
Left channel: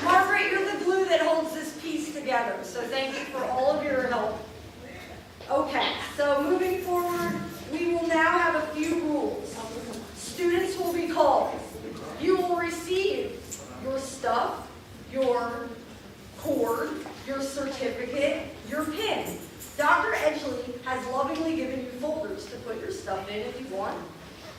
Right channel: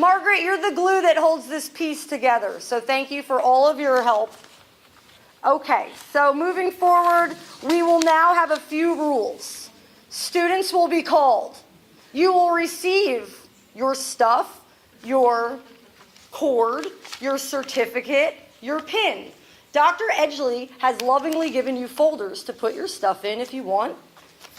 Margaret, you're the glue that holds this piece together, so thank you for all of your help. Okay, so moving forward, we will now have a few rules. Students will be called. You will receive your stuff, your cord, your certificate, your pin. Dr. Edgley has lovingly given you folders to put your stuff in if you want.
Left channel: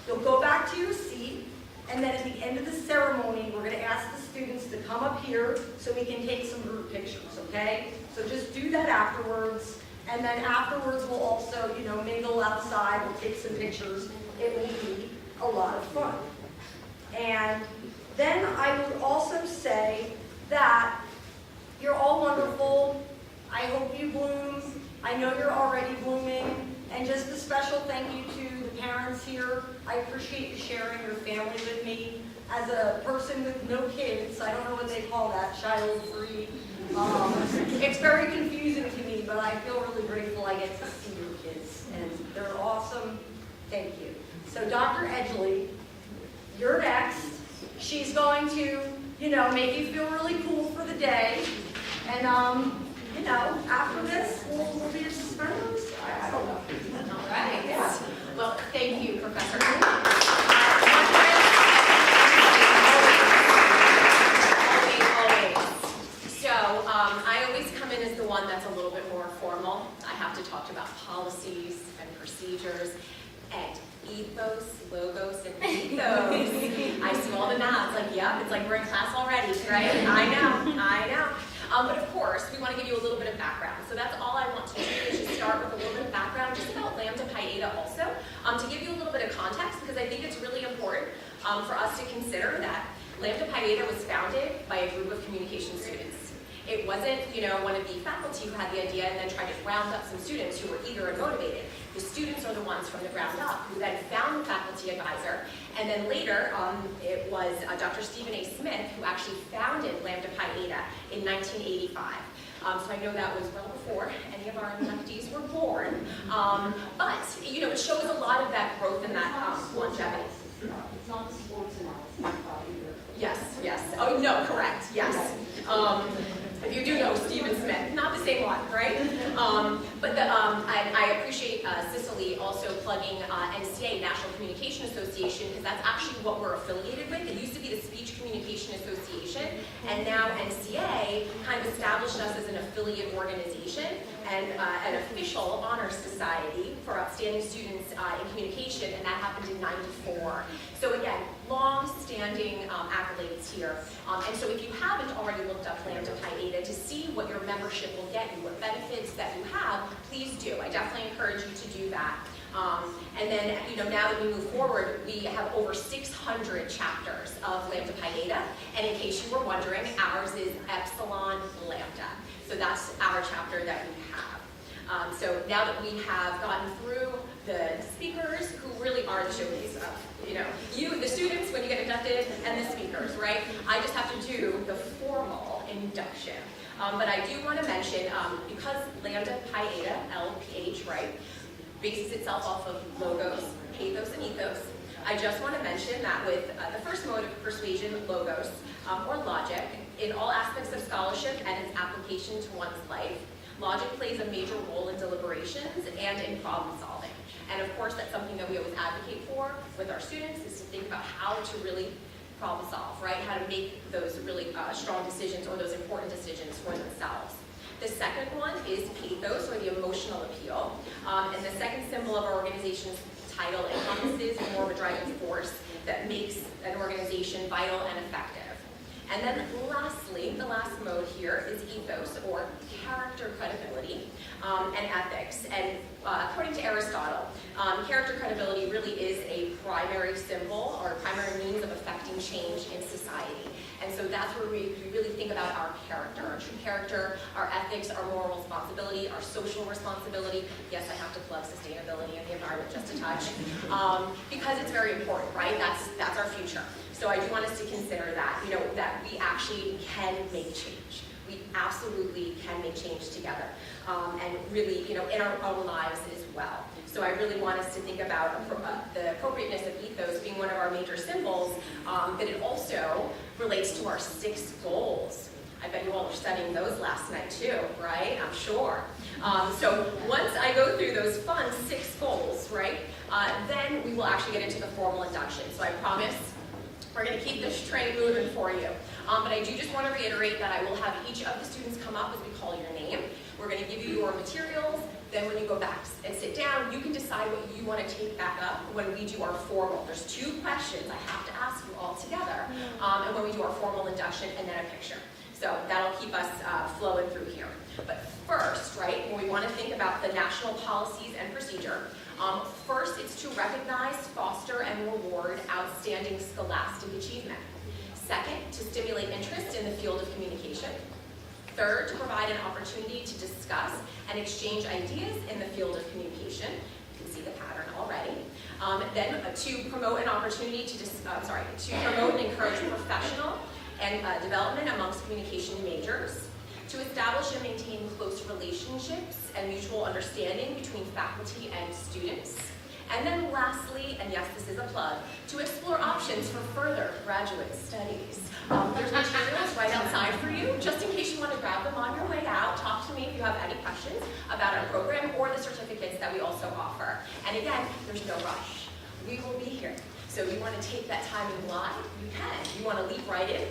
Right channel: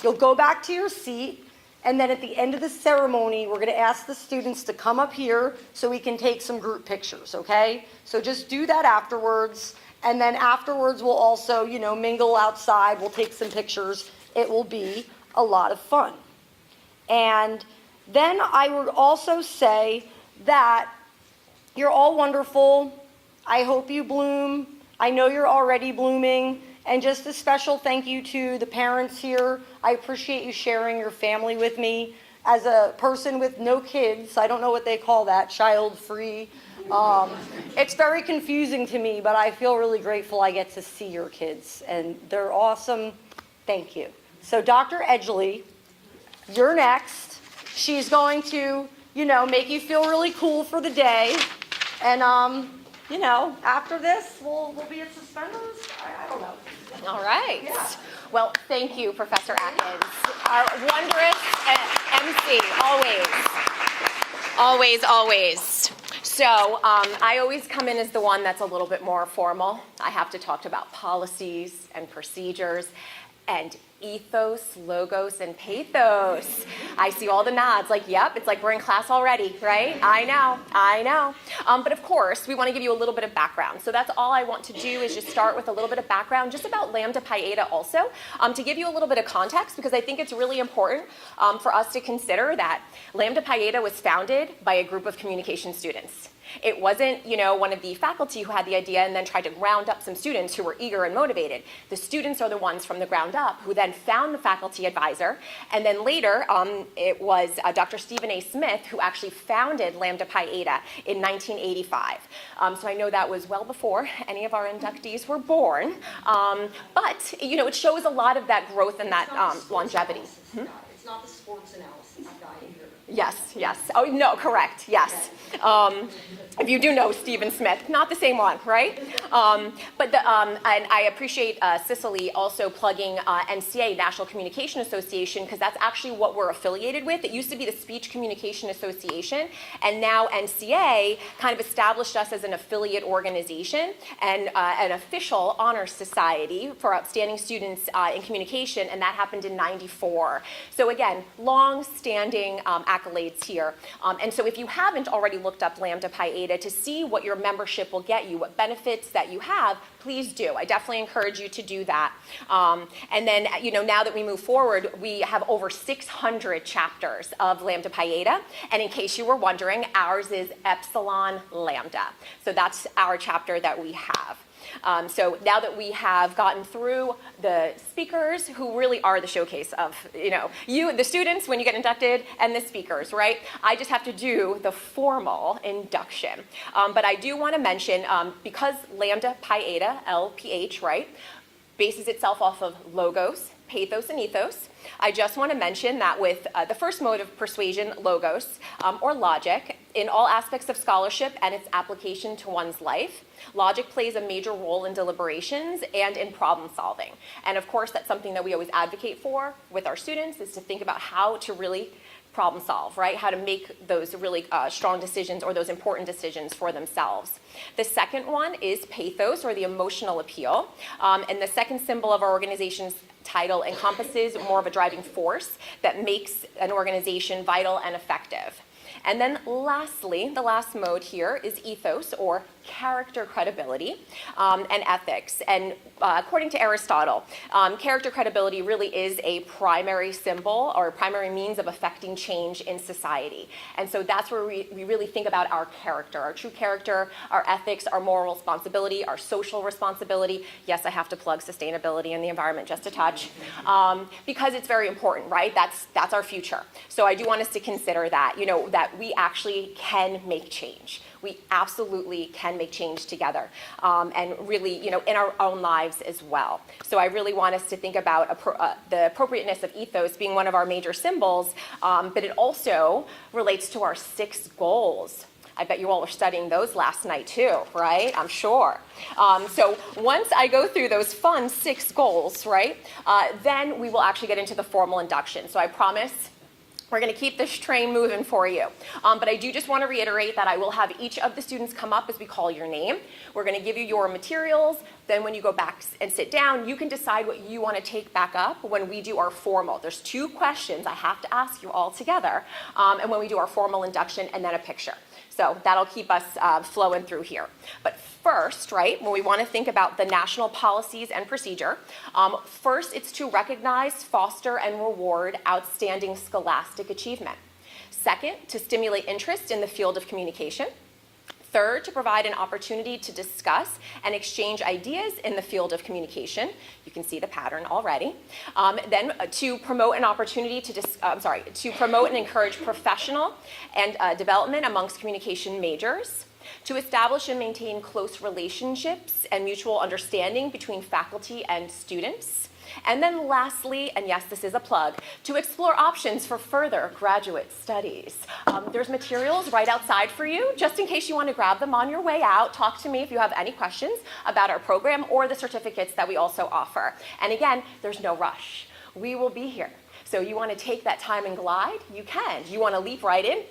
You'll go back to your seat, and then at the end of the ceremony, we're going to ask the students to come up here so we can take some group pictures, okay? So just do that afterwards, and then afterwards we'll also, mingle outside, we'll take some pictures. It will be a lot of fun. And then I would also say that you're all wonderful. I hope you bloom. I know you're already blooming. And just a special thank you to the parents here. I appreciate you sharing your family with me. As a person with no kids, I don't know what they call that, child-free. It's very confusing to me, but I feel really grateful I get to see your kids. And they're awesome. Thank you. So Dr. Edgley, you're next. She's going to, make you feel really cool for the day. And, after this, we'll be your suspenders. All right. Well, thank you, Professor Adams. Wondrous and always. So I always come in as the one that's a little bit more formal. I have to talk about policies and procedures and ethos, logos, and pathos. I see all the nods, like, yep, it's like we're in class already, right? I know. But of course, we want to give you a little bit of background. So that's all I want to do is just start with a little bit of background just about Lambda Pi Eta also, to give you a little bit of context, because I think it's really important for us to consider that Lambda Pi Eta was founded by a group of communication students. It wasn't, one of the faculty who had the idea and then tried to round up some students who were eager and motivated. The students are the ones from the ground up who then found the faculty advisor, and then later it was Dr. Stephen A. Smith who actually founded Lambda Pi Eta in 1985. So I know that was well before any of our inductees were born, but it shows a lot of that growth and that longevity. It's not the sports analysis either. Yes. Oh, no, correct, yes. If you do know Stephen Smith, not the same one, right? But I appreciate Cicely also plugging NCA, National Communication Association, because that's actually what we're affiliated with. It used to be the Speech Communication Association, and now NCA kind of established us as an affiliate organization and an official honor society for outstanding students in communication, and that happened in '94. So again, long-standing accolades here. And so if you haven't already looked up Lambda Pi Eta, data to see what your membership will get you, what benefits that you have, please do. I definitely encourage you to do that. And then, now that we move forward, we have over 600 chapters of Lambda Pi Eta. And in case you were wondering, ours is Epsilon Lambda. So that's our chapter that we have. So now that we have gotten through the speakers, who really are the showcase of, you, the students, when you get inducted, and the speakers, right? I just have to do the formal induction. But I do want to mention, because Lambda Pi Eta, LPH, right, bases itself off of logos, pathos, and ethos, I just want to mention that with the first mode of persuasion, logos, or logic, in all aspects of scholarship and its application to one's life, logic plays a major role in deliberations and in problem solving. And of course, that's something that we always advocate for with our students, is to think about how to really problem solve, right? How to make those really strong decisions or those important decisions for themselves. The second one is pathos, or the emotional appeal. And the second symbol of our organization's title encompasses more of a driving force that makes an organization vital and effective. And then lastly, the last mode here is ethos, or character credibility, and ethics. And according to Aristotle, character credibility really is a primary symbol or a primary means of affecting change in society. And so that's where we really think about our character, our true character, our ethics, our moral responsibility, our social responsibility. Yes, I have to plug sustainability and the environment just a touch, because it's very important, right? That's our future. So I do want us to consider that, that we actually can make change. We absolutely can make change together, and really, in our own lives as well. So I really want us to think about the appropriateness of ethos being one of our major symbols, but it also relates to our 6 goals. I bet you all are studying those last night too, right? I'm sure. So once I go through those fun 6 goals, right, then we will actually get into the formal induction. So I promise we're going to keep this train moving for you. But I do just want to reiterate that I will have each of the students come up as we call your name. We're going to give you your materials. Then when you go back and sit down, you can decide what you want to take back up when we do our formal. There's 2 questions I have to ask you all together, and when we do our formal induction, and then a picture. So that'll keep us flowing through here. But first, right, when we want to think about the national policies and procedure, first it's to recognize, foster, and reward outstanding scholastic achievement. Second, to stimulate interest in the field of communication. Third, to provide an opportunity to discuss and exchange ideas in the field of communication. You can see the pattern already. Then to promote an opportunity to promote and encourage professional and development amongst communication majors. To establish and maintain close relationships and mutual understanding between faculty and students. And then lastly, and yes, this is a plug, to explore options for further graduate studies. There's materials right outside for you, just in case you want to grab them on your way out. Talk to me if you have any questions about our program or the certificates that we also offer. And again, there's no rush. We will be here. So you want to take that time and glide? You can. You want to leap right in?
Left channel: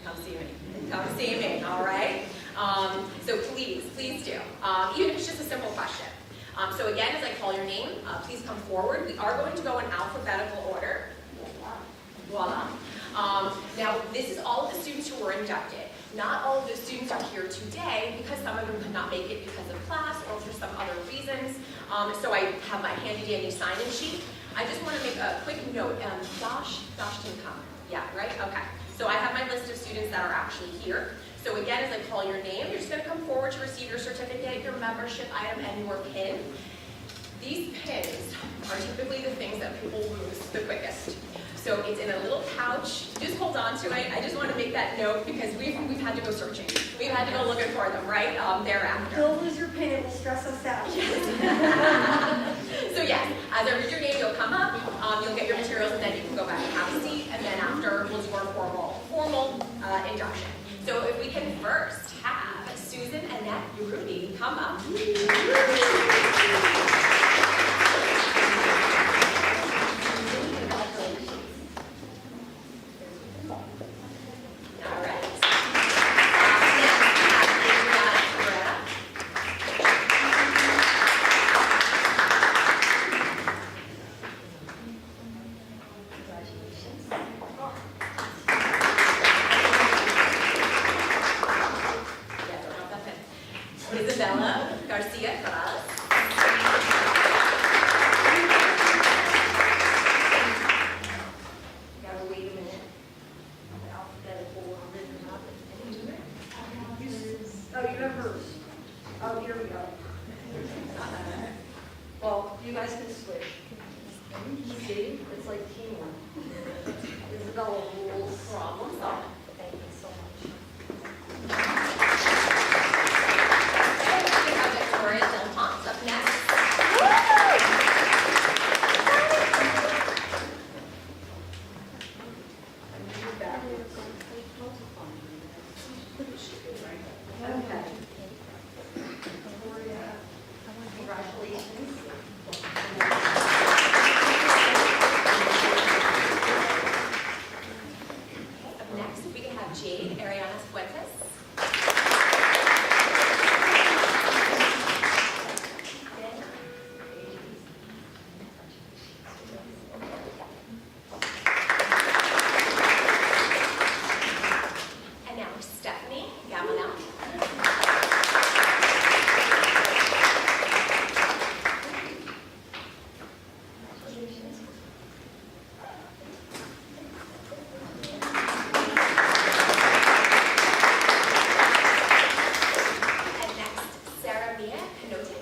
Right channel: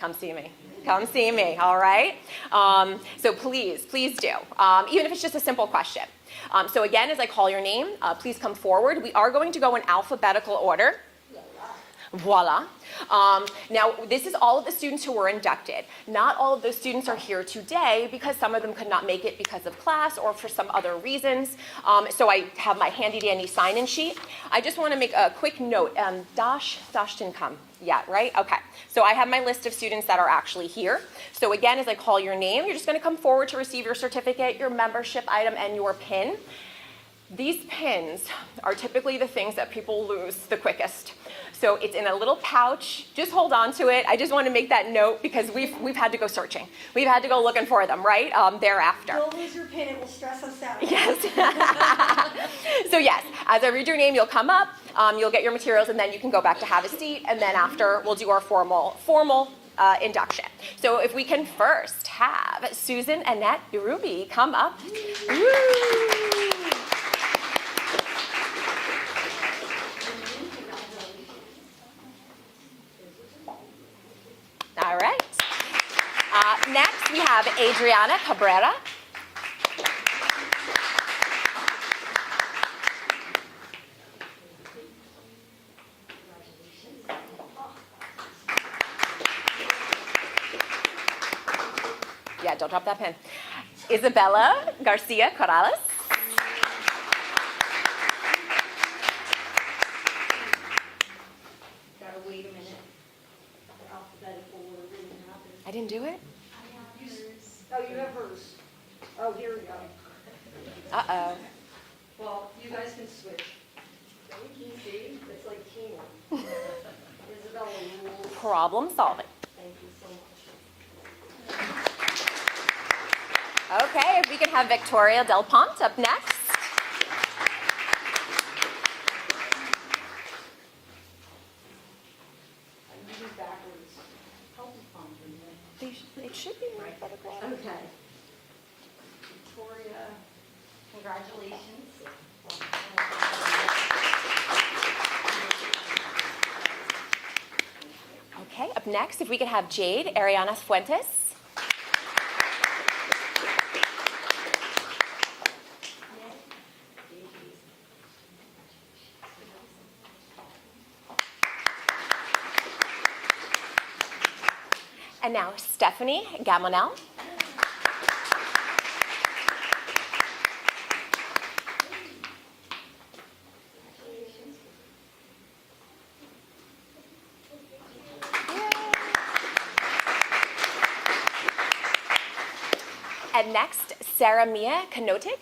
Come see me. Come see me, all right? So please do, even if it's just a simple question. So again, as I call your name, please come forward. We are going to go in alphabetical order. Voila. Now, this is all of the students who were inducted. Not all of those students are here today because some of them could not make it because of class or for some other reasons. So I have my handy-dandy sign-in sheet. I just want to make a quick note. Dash didn't come yet, right? Okay. So I have my list of students that are actually here. So again, as I call your name, you're just going to come forward to receive your certificate, your membership item, and your pin. These pins are typically the things that people lose the quickest. So it's in a little pouch. Just hold on to it. I just want to make that note because we've had to go searching. We've had to go looking for them, right, thereafter. Don't lose your pin. It will stress us out. Yes. So yes, as I read your name, you'll come up, you'll get your materials, and then you can go back to have a seat. And then after, we'll do our formal induction. So if we can first have Susan Annette Ruby come up. All right. Next, we have Adriana Cabrera. Yeah, don't drop that pen. Isabella Garcia Corrales. Gotta wait a minute. Alphabetical order didn't happen. I didn't do it? Oh, you have hers. Oh, here we go. Uh-oh. Well, you guys can switch. See, it's like teamwork. Isabella rules. Problem solving. Thank you so much. Okay, we can have Victoria Del Ponte up next. Okay. Victoria, congratulations. Okay, up next, if we could have Jade Ariana Fuentes. And now Stephanie Gamonel. And next, Sarah Mia Kanotic.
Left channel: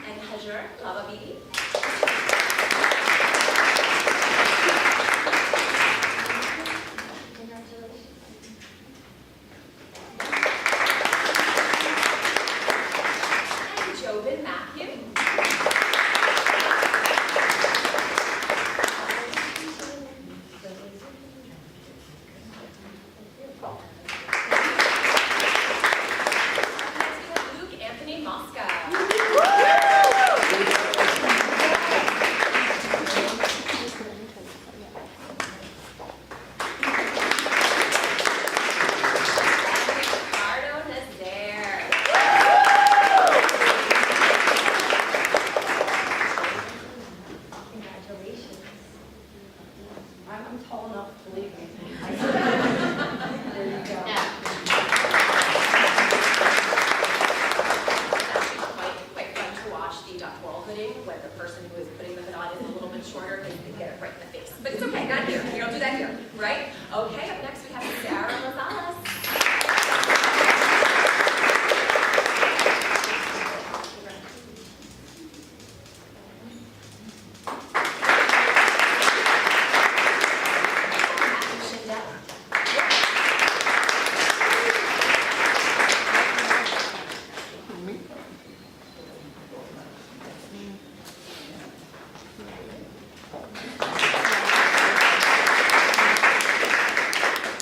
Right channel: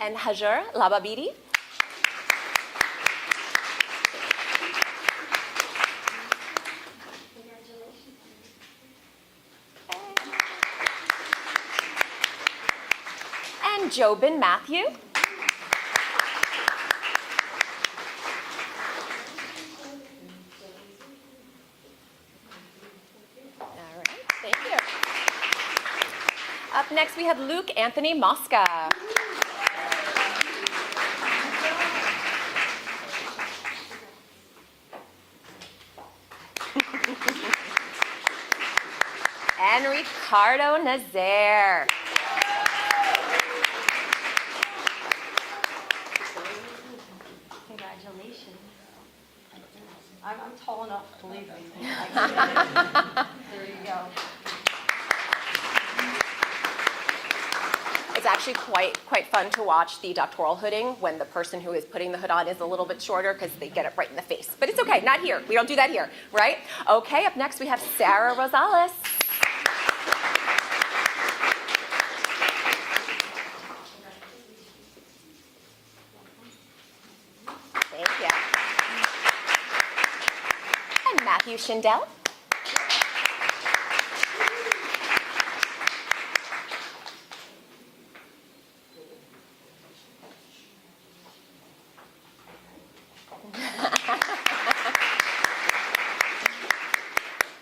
And Hajar Lababidi. And Jobin Matthew. Up next, we have Luke Anthony Mosca. And Ricardo Nazaire. Congratulations. I'm tall enough to leave me. There you go. It's actually quite fun to watch the doctoral hooding when the person who is putting the hood on is a little bit shorter because they get it right in the face. But it's okay, not here. We don't do that here, right? Okay, up next we have Sarah Rosales. And Matthew Schindel.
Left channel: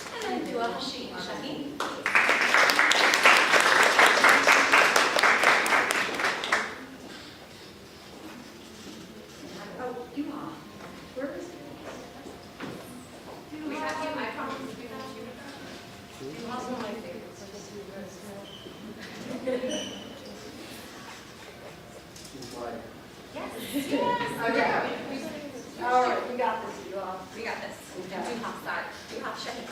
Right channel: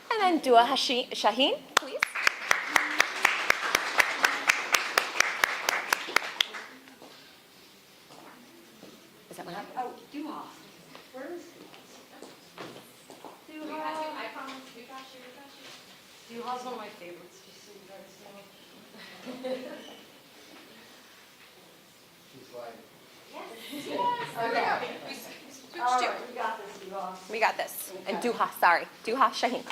And then Dua Shaheen. Oh, Duha. Where is it? Duha's one of my favorites. I just knew where it's going. Okay. All right, we got this, Duha. We got this. And Duha, sorry. Duha Shaheen.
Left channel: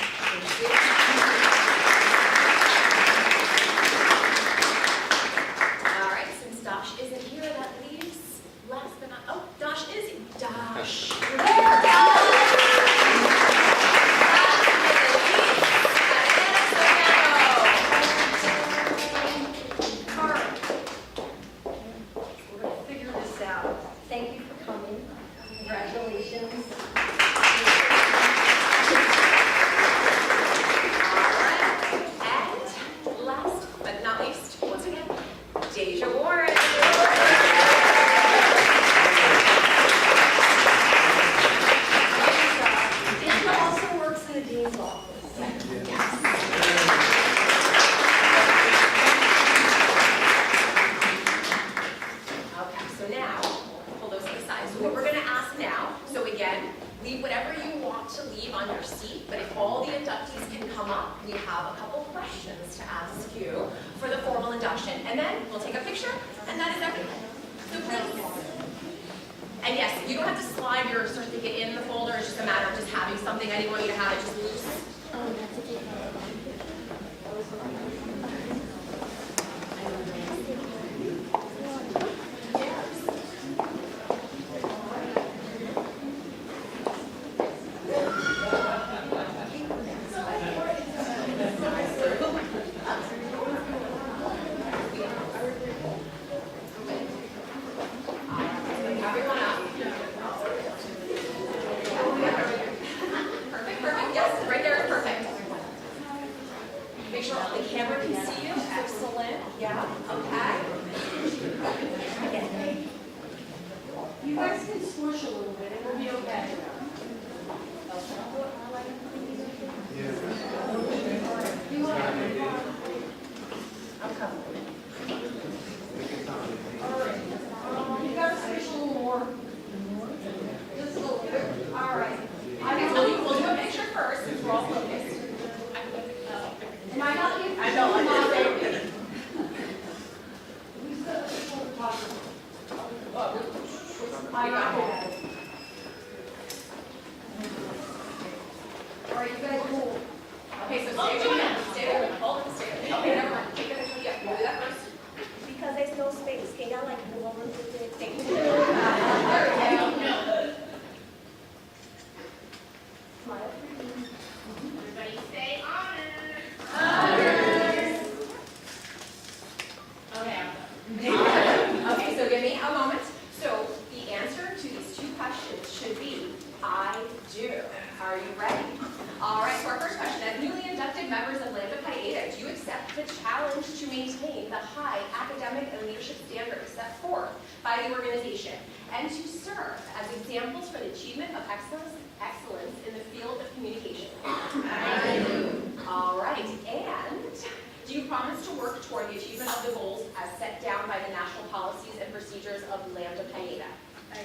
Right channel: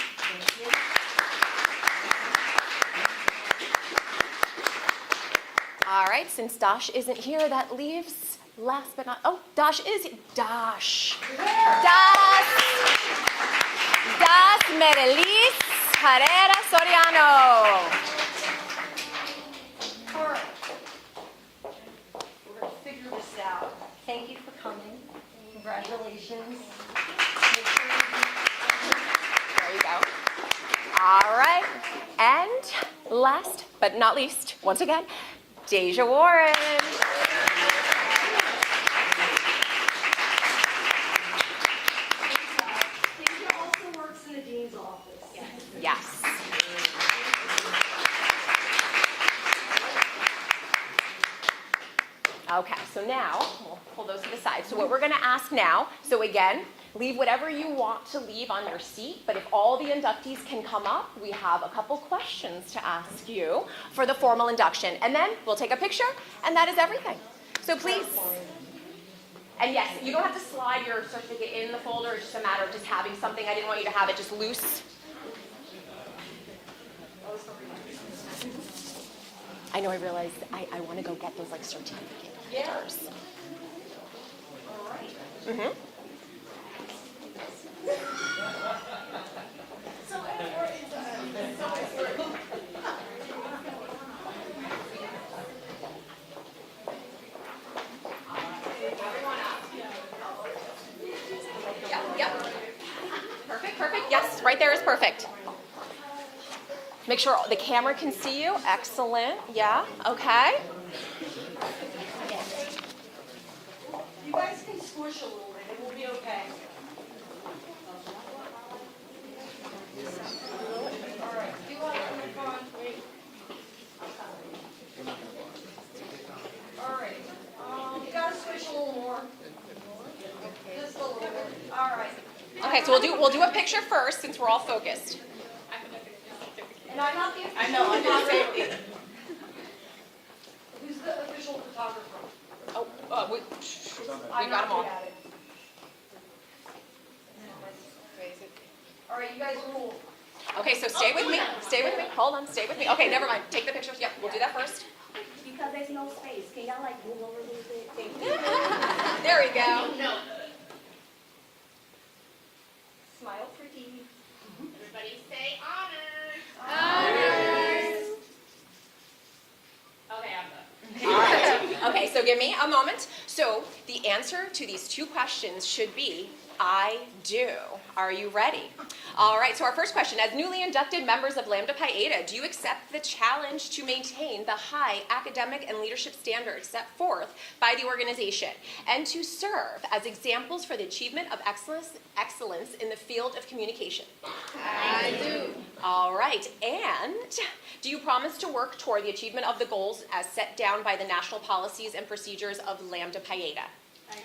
All right, since Dash isn't here, that leaves last but not, oh, Dash is, Dash. Dash Merelis Carrera Soriano. All right. We're gonna figure this out. Thank you for coming. Congratulations. All right, and last but not least, once again, Deja Warren. Deja also works in the dean's office. Yes. Okay, so now, pull those to the side. So what we're gonna ask now, so again, leave whatever you want to leave on your seat, but if all the inductees can come up, we have a couple questions to ask you for the formal induction. And then we'll take a picture, and that is everything. So please. And yes, you don't have to slide your certificate in the folder. It's just a matter of just having something. I didn't want you to have it just loose. I know I realize I'm going to go get this extra tea. Make sure the camera can see you. Excellent. Yeah. Okay. You guys can squish a little bit. It'll be okay. All right. You gotta squish a little more. Just a little bit. All right. Okay. So we'll do a picture first since we're all focused. And I got you. I know. I'm not ready. Who's the official photographer? I got one. All right, you guys rule. Okay, so stay with me. Stay with me. Hold on. Stay with me. Okay, never mind. Take the picture. Yeah, we'll do that first. Because there's no space. They don't like the woman who's going to take it. There we go. Smile pretty. Everybody say honor. Okay, so give me a moment. So the answer to these two questions should be, I do. Are you ready? All right, so our first question, as newly inducted members of Lambda Pi Eta, do you accept the challenge to maintain the high academic and leadership standards set forth by the organization and to serve as examples for the achievement of excellence in the field of communication? I do. All right, and do you promise to work toward the achievement of the goals as set down by the national policies and procedures of Lambda Pi Eta? I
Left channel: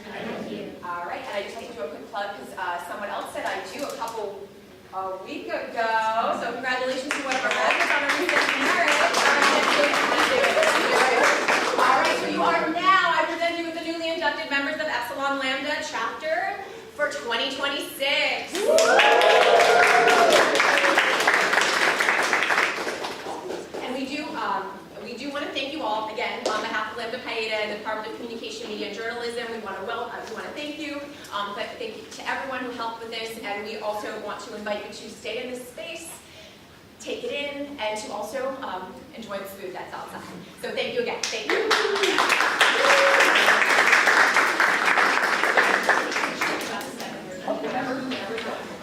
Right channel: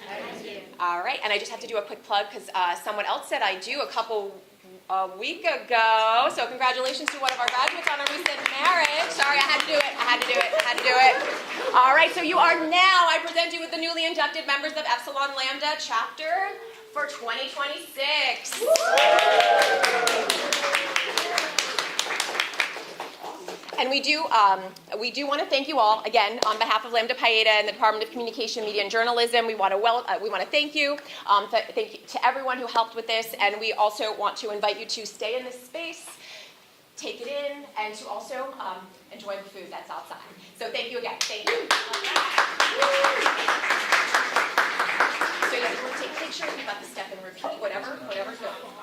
do. All right, and I just have to do a quick plug because someone else said I do a week ago. So congratulations to one of our graduates on a recent marriage. Sorry, I had to do it. All right, so you are now, I present you with the newly inducted members of Epsilon Lambda chapter for 2026. And we do want to thank you all again on behalf of Lambda Pi Eta and the Department of Communication, Media, and Journalism. We want to thank you. Thank you to everyone who helped with this, and we also want to invite you to stay in this space, take it in, and to also enjoy the food that's outside. So thank you again. Thank you.